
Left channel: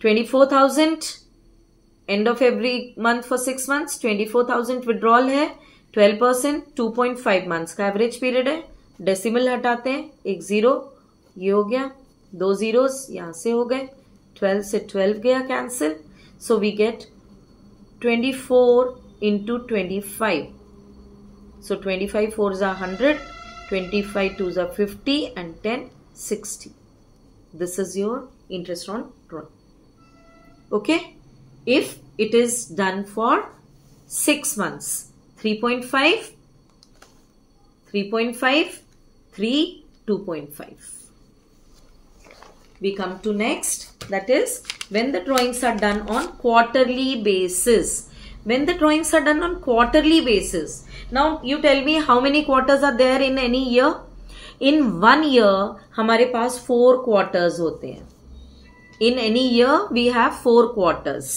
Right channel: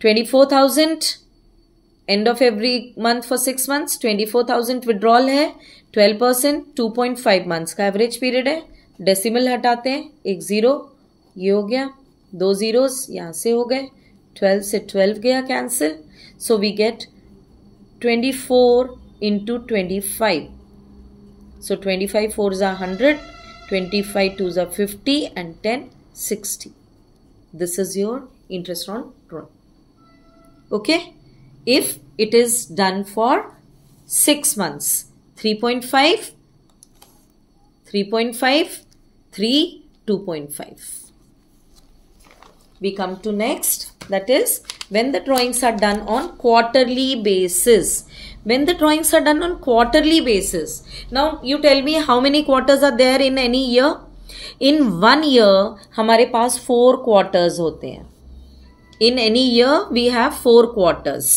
24,000 end of every month for 6 months. 24,000 withdrawal है, 12%, 2.5 months का average period है. Decimal हटाते हैं, एक zero, ये हो गया, 2 zeros यहां से हो गए, 12 से 12 गया cancel, so we get 24 into 25. So 25 4s are 100, 25 2s are 50 and 10 60. This is your interest on drawing. Okay, if it is done for 6 months, 3.5, 3.5, 3, 2.5. We come to next, that is when the drawings are done on quarterly basis. When the drawings are done on quarterly basis, now you tell me how many quarters are there in any year? In 1 year हमारे पास 4 quarters होते हैं. In any year we have 4 quarters.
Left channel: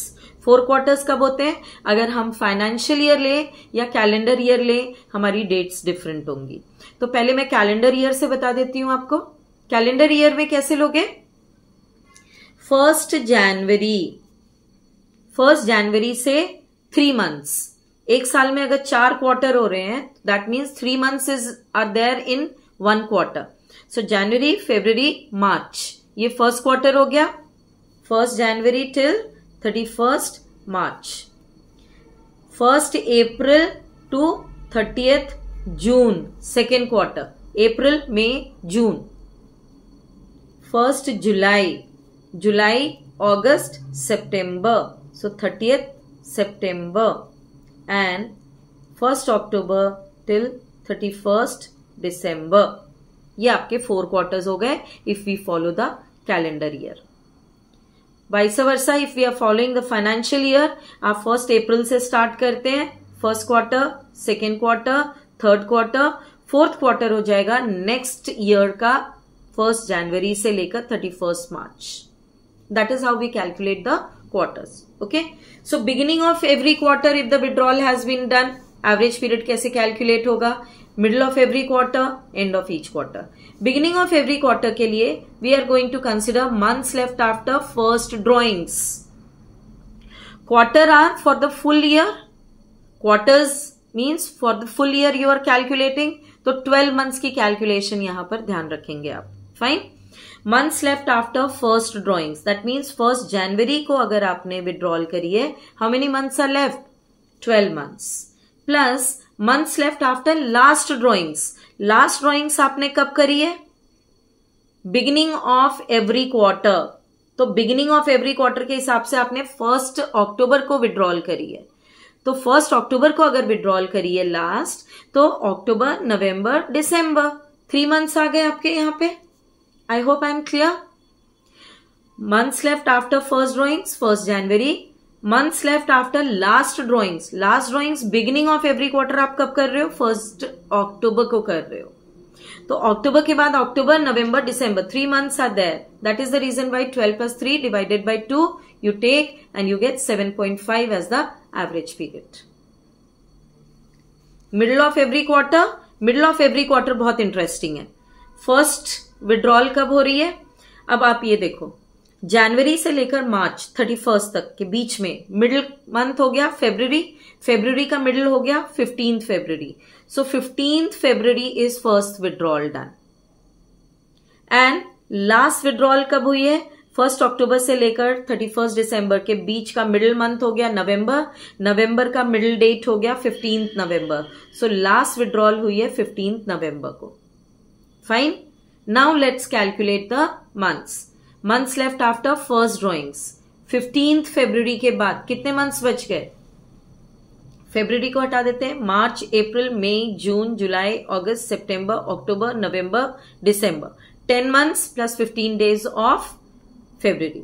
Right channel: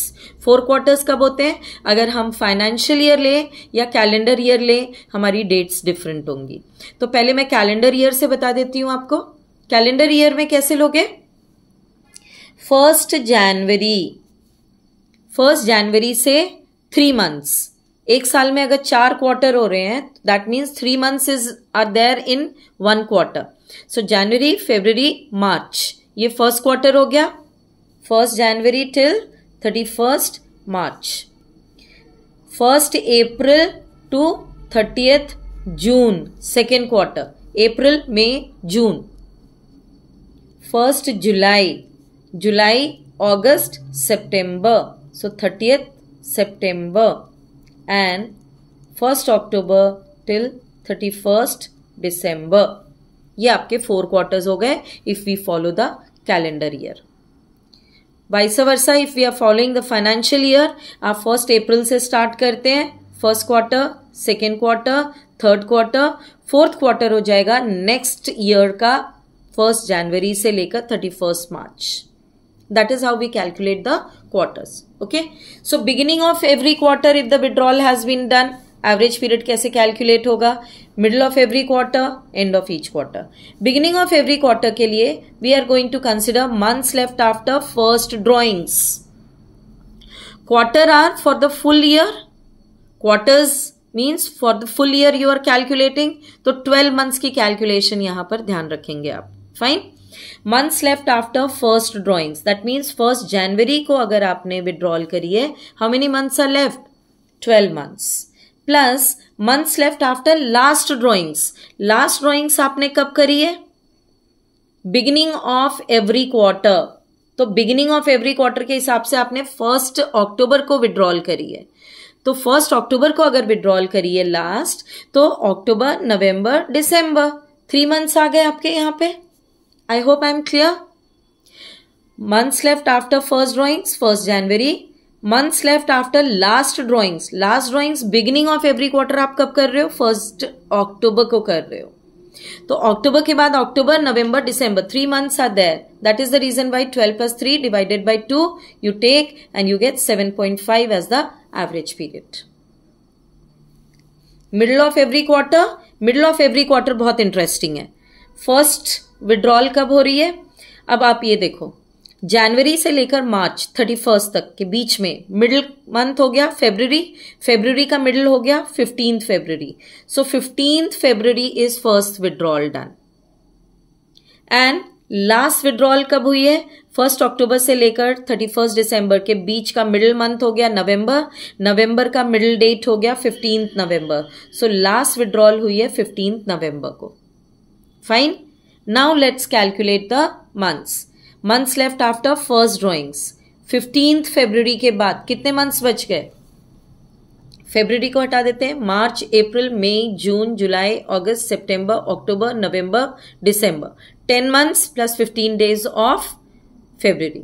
4 quarters कब होते हैं? अगर हम financial year ले या कैलेंडर ईयर ले, हमारी डेट्स डिफरेंट होंगी. तो पहले मैं कैलेंडर ईयर से बता देती हूं आपको. कैलेंडर ईयर में कैसे लोगे? 1 जनवरी से 3 months. एक साल में अगर 4 क्वार्टर हो रहे हैं, that means 3 months are there in 1 quarter. So जनवरी, फरवरी, मार्च, ये फर्स्ट क्वार्टर हो गया. 1 January till 31 March. 1 April to 30 June, second quarter. April, May, June. 1 July, August, September. So 30th September and 1st October till 31st December. ये आपके 4 quarters हो गए if we follow the calendar year. Vice versa, if we are following the financial year, आप 1st April से start करते हैं. 1st quarter, 2nd quarter, 3rd quarter, 4th quarter हो जाएगा next year का 1st January से लेकर 31st March. That is how we calculate the quarters. Okay, so beginning of every quarter if the withdrawal has been done, average period कैसे calculate होगा? Middle of every quarter, end of each quarter. Beginning of every quarter के लिए we are going to consider months left after first drawings. Quarter are for the full year. Quarters means for the full year you are calculating. तो 12 months की calculation यहाँ पर ध्यान रखेंगे आप. Fine. Months left after first drawings, that means 1st January को अगर आपने withdrawal करी है, how many months are left? 12 months. Plus months left after last drawings. Last drawings आपने कब करी है? Beginning of every quarter. तो beginning of every quarter के हिसाब से आपने 1st October को withdrawal करी है. तो 1st October को अगर withdrawal करी है last, तो October, November, December, 3 months आ गए आपके यहाँ पे. I hope I am clear. Months left after first drawings, 1st January. Months left after last drawings. Last drawings beginning of every quarter आप कब कर रहे हो? 1st October को कर रहे हो. तो October के बाद October, November, December, 3 months are there. That is the reason why 12 plus 3 divided by 2 you take and you get 7.5 as the average period. Middle of every quarter. Middle of every quarter बहुत interesting है. First withdrawal कब हो रही है? अब आप ये देखो, जनवरी से लेकर मार्च 31 तक के बीच में मिडिल मंथ हो गया फेब्रुवरी का मिडिल हो गया 15th February. So 15th February is first withdrawal done. And last withdrawal कब हुई है? 1st October से लेकर 31st December के बीच का मिडिल मंथ हो गया नवंबर का मिडिल डेट हो गया 15th November. So last withdrawal हुई है 15th November को. Fine. Now let's calculate the months. Months left after first drawings. 15th February के बाद कितने months बच गए? फेब्रुवरी को हटा देते हैं, मार्च, अप्रैल, मई, जून, जुलाई, अगस्त, सितंबर, अक्टूबर, नवंबर, दिसंबर, 10 months plus 15 days of February.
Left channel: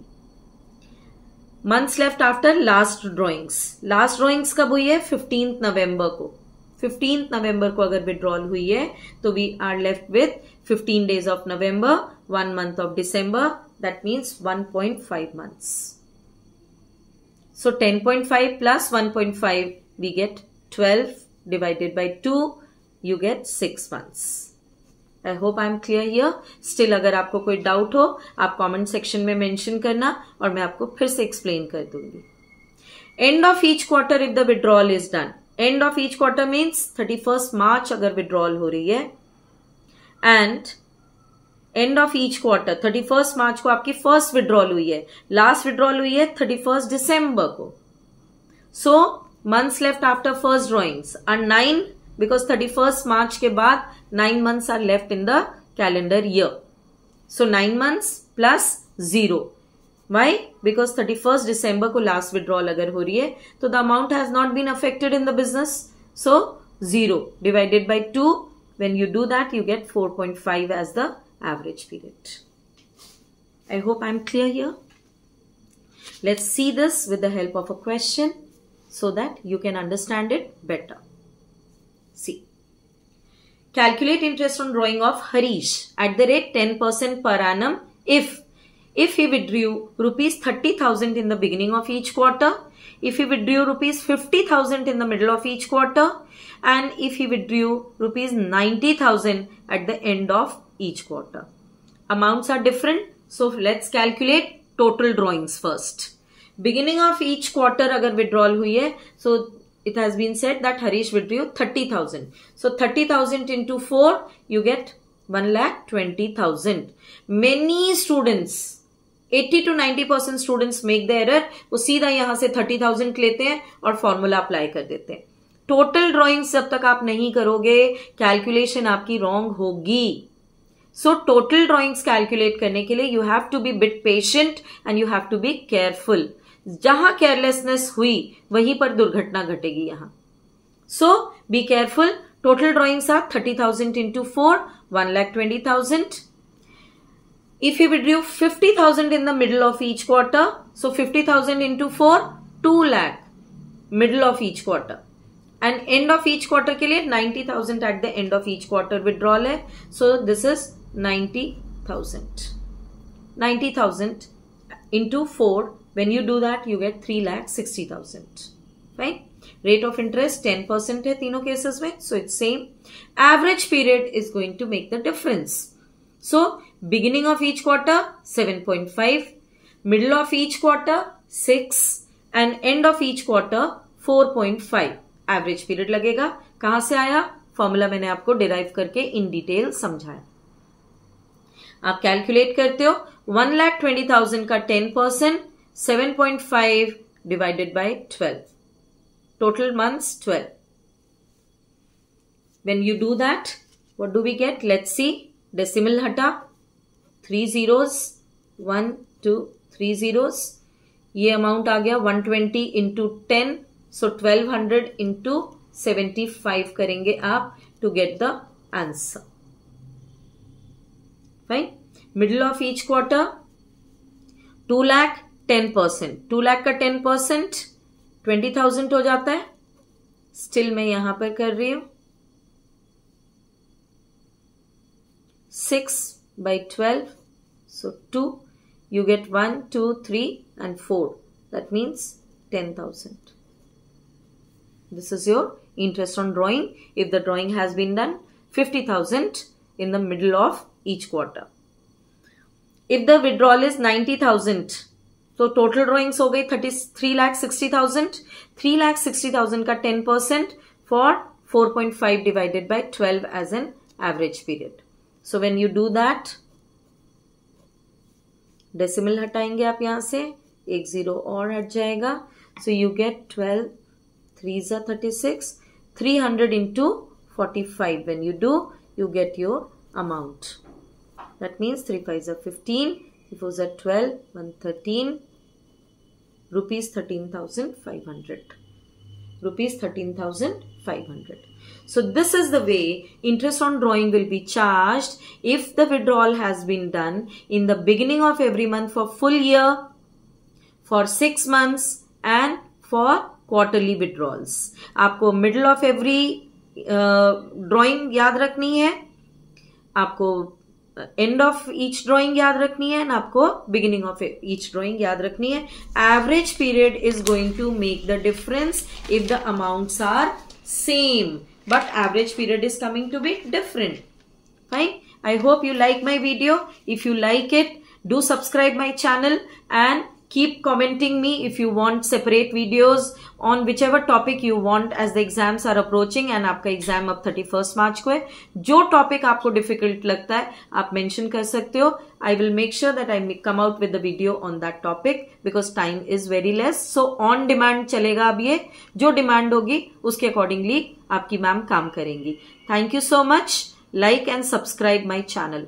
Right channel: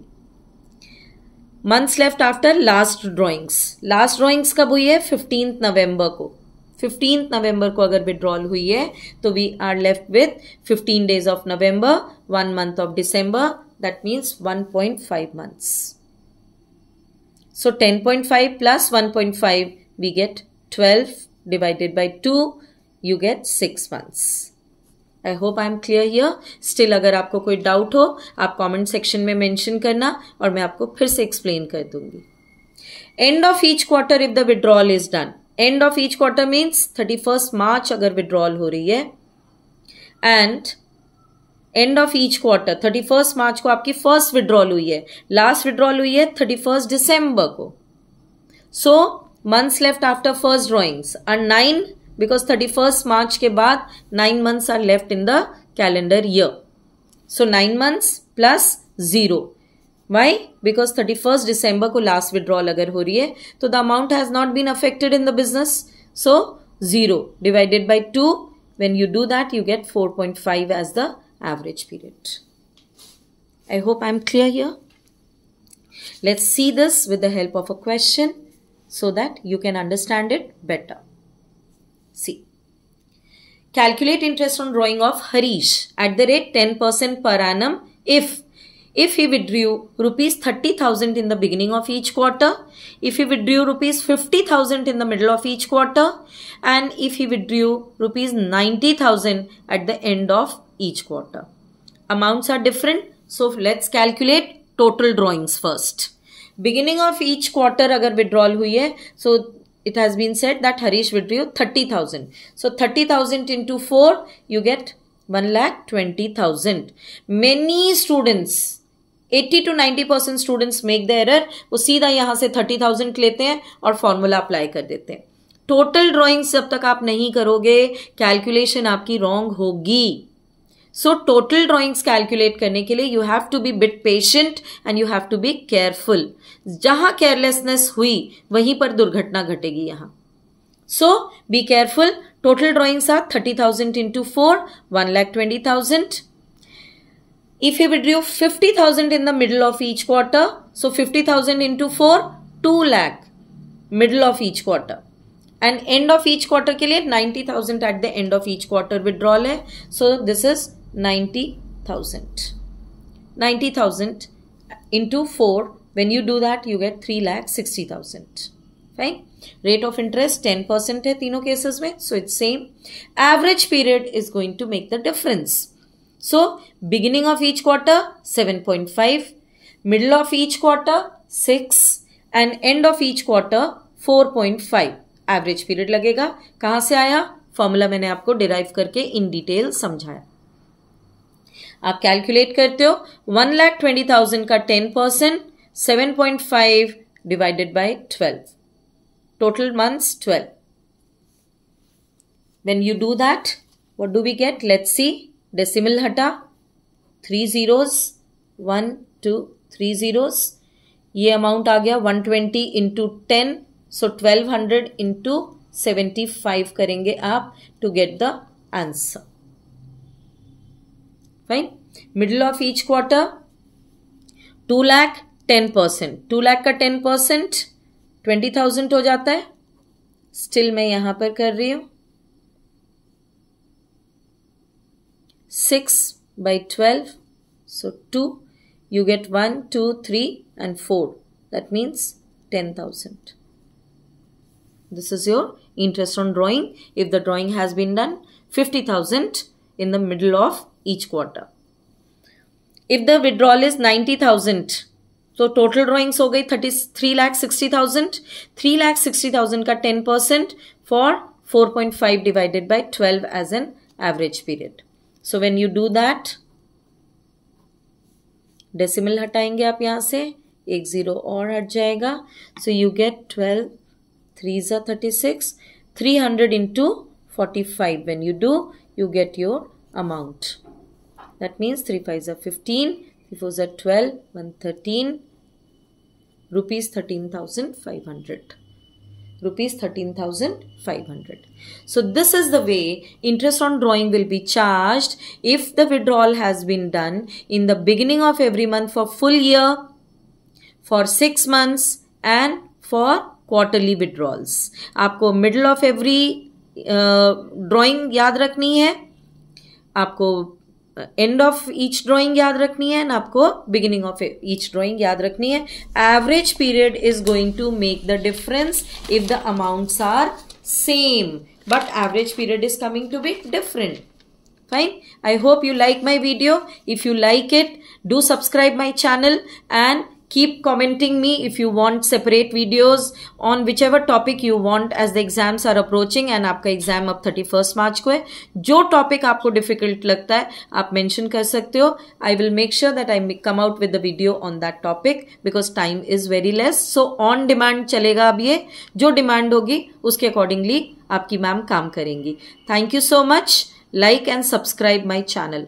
Months left after last drawings. Last drawings कब हुई है? 15th नवंबर को. 15th नवंबर को अगर विड्रॉल हुई है तो we are left with 15 days of November, 1 month of December. That means 1.5 months. So 10.5 plus 1.5 we get 12 divided by 2, you get 6 months. I hope I am clear here. Still अगर आपको कोई doubt हो आप comment section में mention करना और मैं आपको फिर से एक्सप्लेन कर दूंगी. End of each quarter if the withdrawal is done. End of each quarter means 31st मार्च अगर विड्रॉल हो रही है and end of each quarter 31st मार्च को आपकी फर्स्ट विड्रॉल हुई है, लास्ट विड्रॉल हुई है 31st दिसंबर को. So months left after first drawings are 9 because 31st March के बाद 9 months are left in the calendar year. So 9 months plus 0. Why? Because 31st December को last withdrawal अगर हो रही है तो the amount has not been affected in the business. So 0 divided by 2. When you do that you get 4.5 as the average period. I hope I am clear here. Let's see this with the help of a question so that you can understand it better. See, calculate interest on drawing of Harish at the rate 10% per annum if he withdrew rupees 30,000 in the beginning of each quarter, if he withdrew rupees 50,000 in the middle of each quarter, and if he withdrew rupees 90,000 at the end of each quarter. Amounts are different, so let's calculate total drawings first. Beginning of each quarter अगर withdrawal हुई है, so it has been said that Harish withdrew 30,000. So 30,000 into 4, you get 1,20,000. Many students, 80 to 90% students make the error. वो सीधा यहाँ से 30,000 लेते हैं और फॉर्मूला अप्लाई कर देते हैं. टोटल ड्रॉइंग्स जब तक आप नहीं करोगे कैलकुलेशन आपकी रॉन्ग होगी. सो टोटल ड्रॉइंग्स कैलकुलेट करने के लिए you have to be bit patient and you have to be careful. जहां केयरलेसनेस हुई वहीं पर दुर्घटना घटेगी यहां. So be careful. Total drawings are 30,000 into 4, 1,20,000. If you withdrew 50,000 in the middle of each quarter, so 50,000 into 4, 2 lakh middle of each quarter. And end of each quarter के लिए 90,000 at the end of each quarter withdrawal है. So this is 90,000. 90,000 into 4. When you do that, you get 3,60,000. Fine. Rate of interest 10% है तीनों cases में. So it's same. Average period is going to make the difference. So beginning of each quarter 7.5, middle of each quarter 6, and end of each quarter 4.5. Average period लगेगा. कहां से आया? Formula मैंने आपको derive करके इन डिटेल समझाया. आप calculate करते हो 1,20,000 का 10%, 7.5 divided by 12. Total months 12. When you do that, what do we get? Let's see. Decimal हटा, 3 zeros, 1, 2, 3 zeros. ये अमाउंट आ गया 120 into 10. So 1200 into 75 करेंगे आप to get the answer. Fine. Middle of each quarter 2 lakh 10%. 2 lakh का 10% 20,000 हो जाता है. Still मैं यहां पर कर रही हूं 6 by 12. So 2. You get 1, 2, 3 and 4. That means 10,000. This is your interest on drawing if the drawing has been done 50,000 in the middle of each quarter. If the withdrawal is 90,000, so total drawings हो गई 3,60,000. 3,60,000 का 10% for 4.5 divided by 12 as an average period. So when you do that, decimal हटाएंगे आप यहाँ से, एक zero और हट जाएगा. So you get 12. 3s are 36. 300 into 45. When you do, you get your amount. That means 3 5s are 15. 3 4s are 12. 113. Rupees 13,500. rupees 13,500. So this is the way interest on drawing will be charged if the withdrawal has been done in the beginning of every month for full year, for 6 months and for quarterly withdrawals. आपको middle of every drawing याद रखनी है, आपको end of each drawing याद रखनी है, and आपको beginning of each drawing याद रखनी है. Average period is going to make the difference if the amounts are same, but average period is coming to be different. Fine. I hope you like my video. If you like it, do subscribe my channel and keep commenting me if you want separate videos on whichever topic you want as the exams are approaching and आपका exam अब 31st March को है. जो topic आपको difficult लगता है आप mention कर सकते हो. I will make sure that I come out with the video on that topic because time is very less. So on demand चलेगा अब ये. जो demand होगी उसके accordingly आपकी मैम काम करेंगी. Thank you so much. Like and subscribe my channel.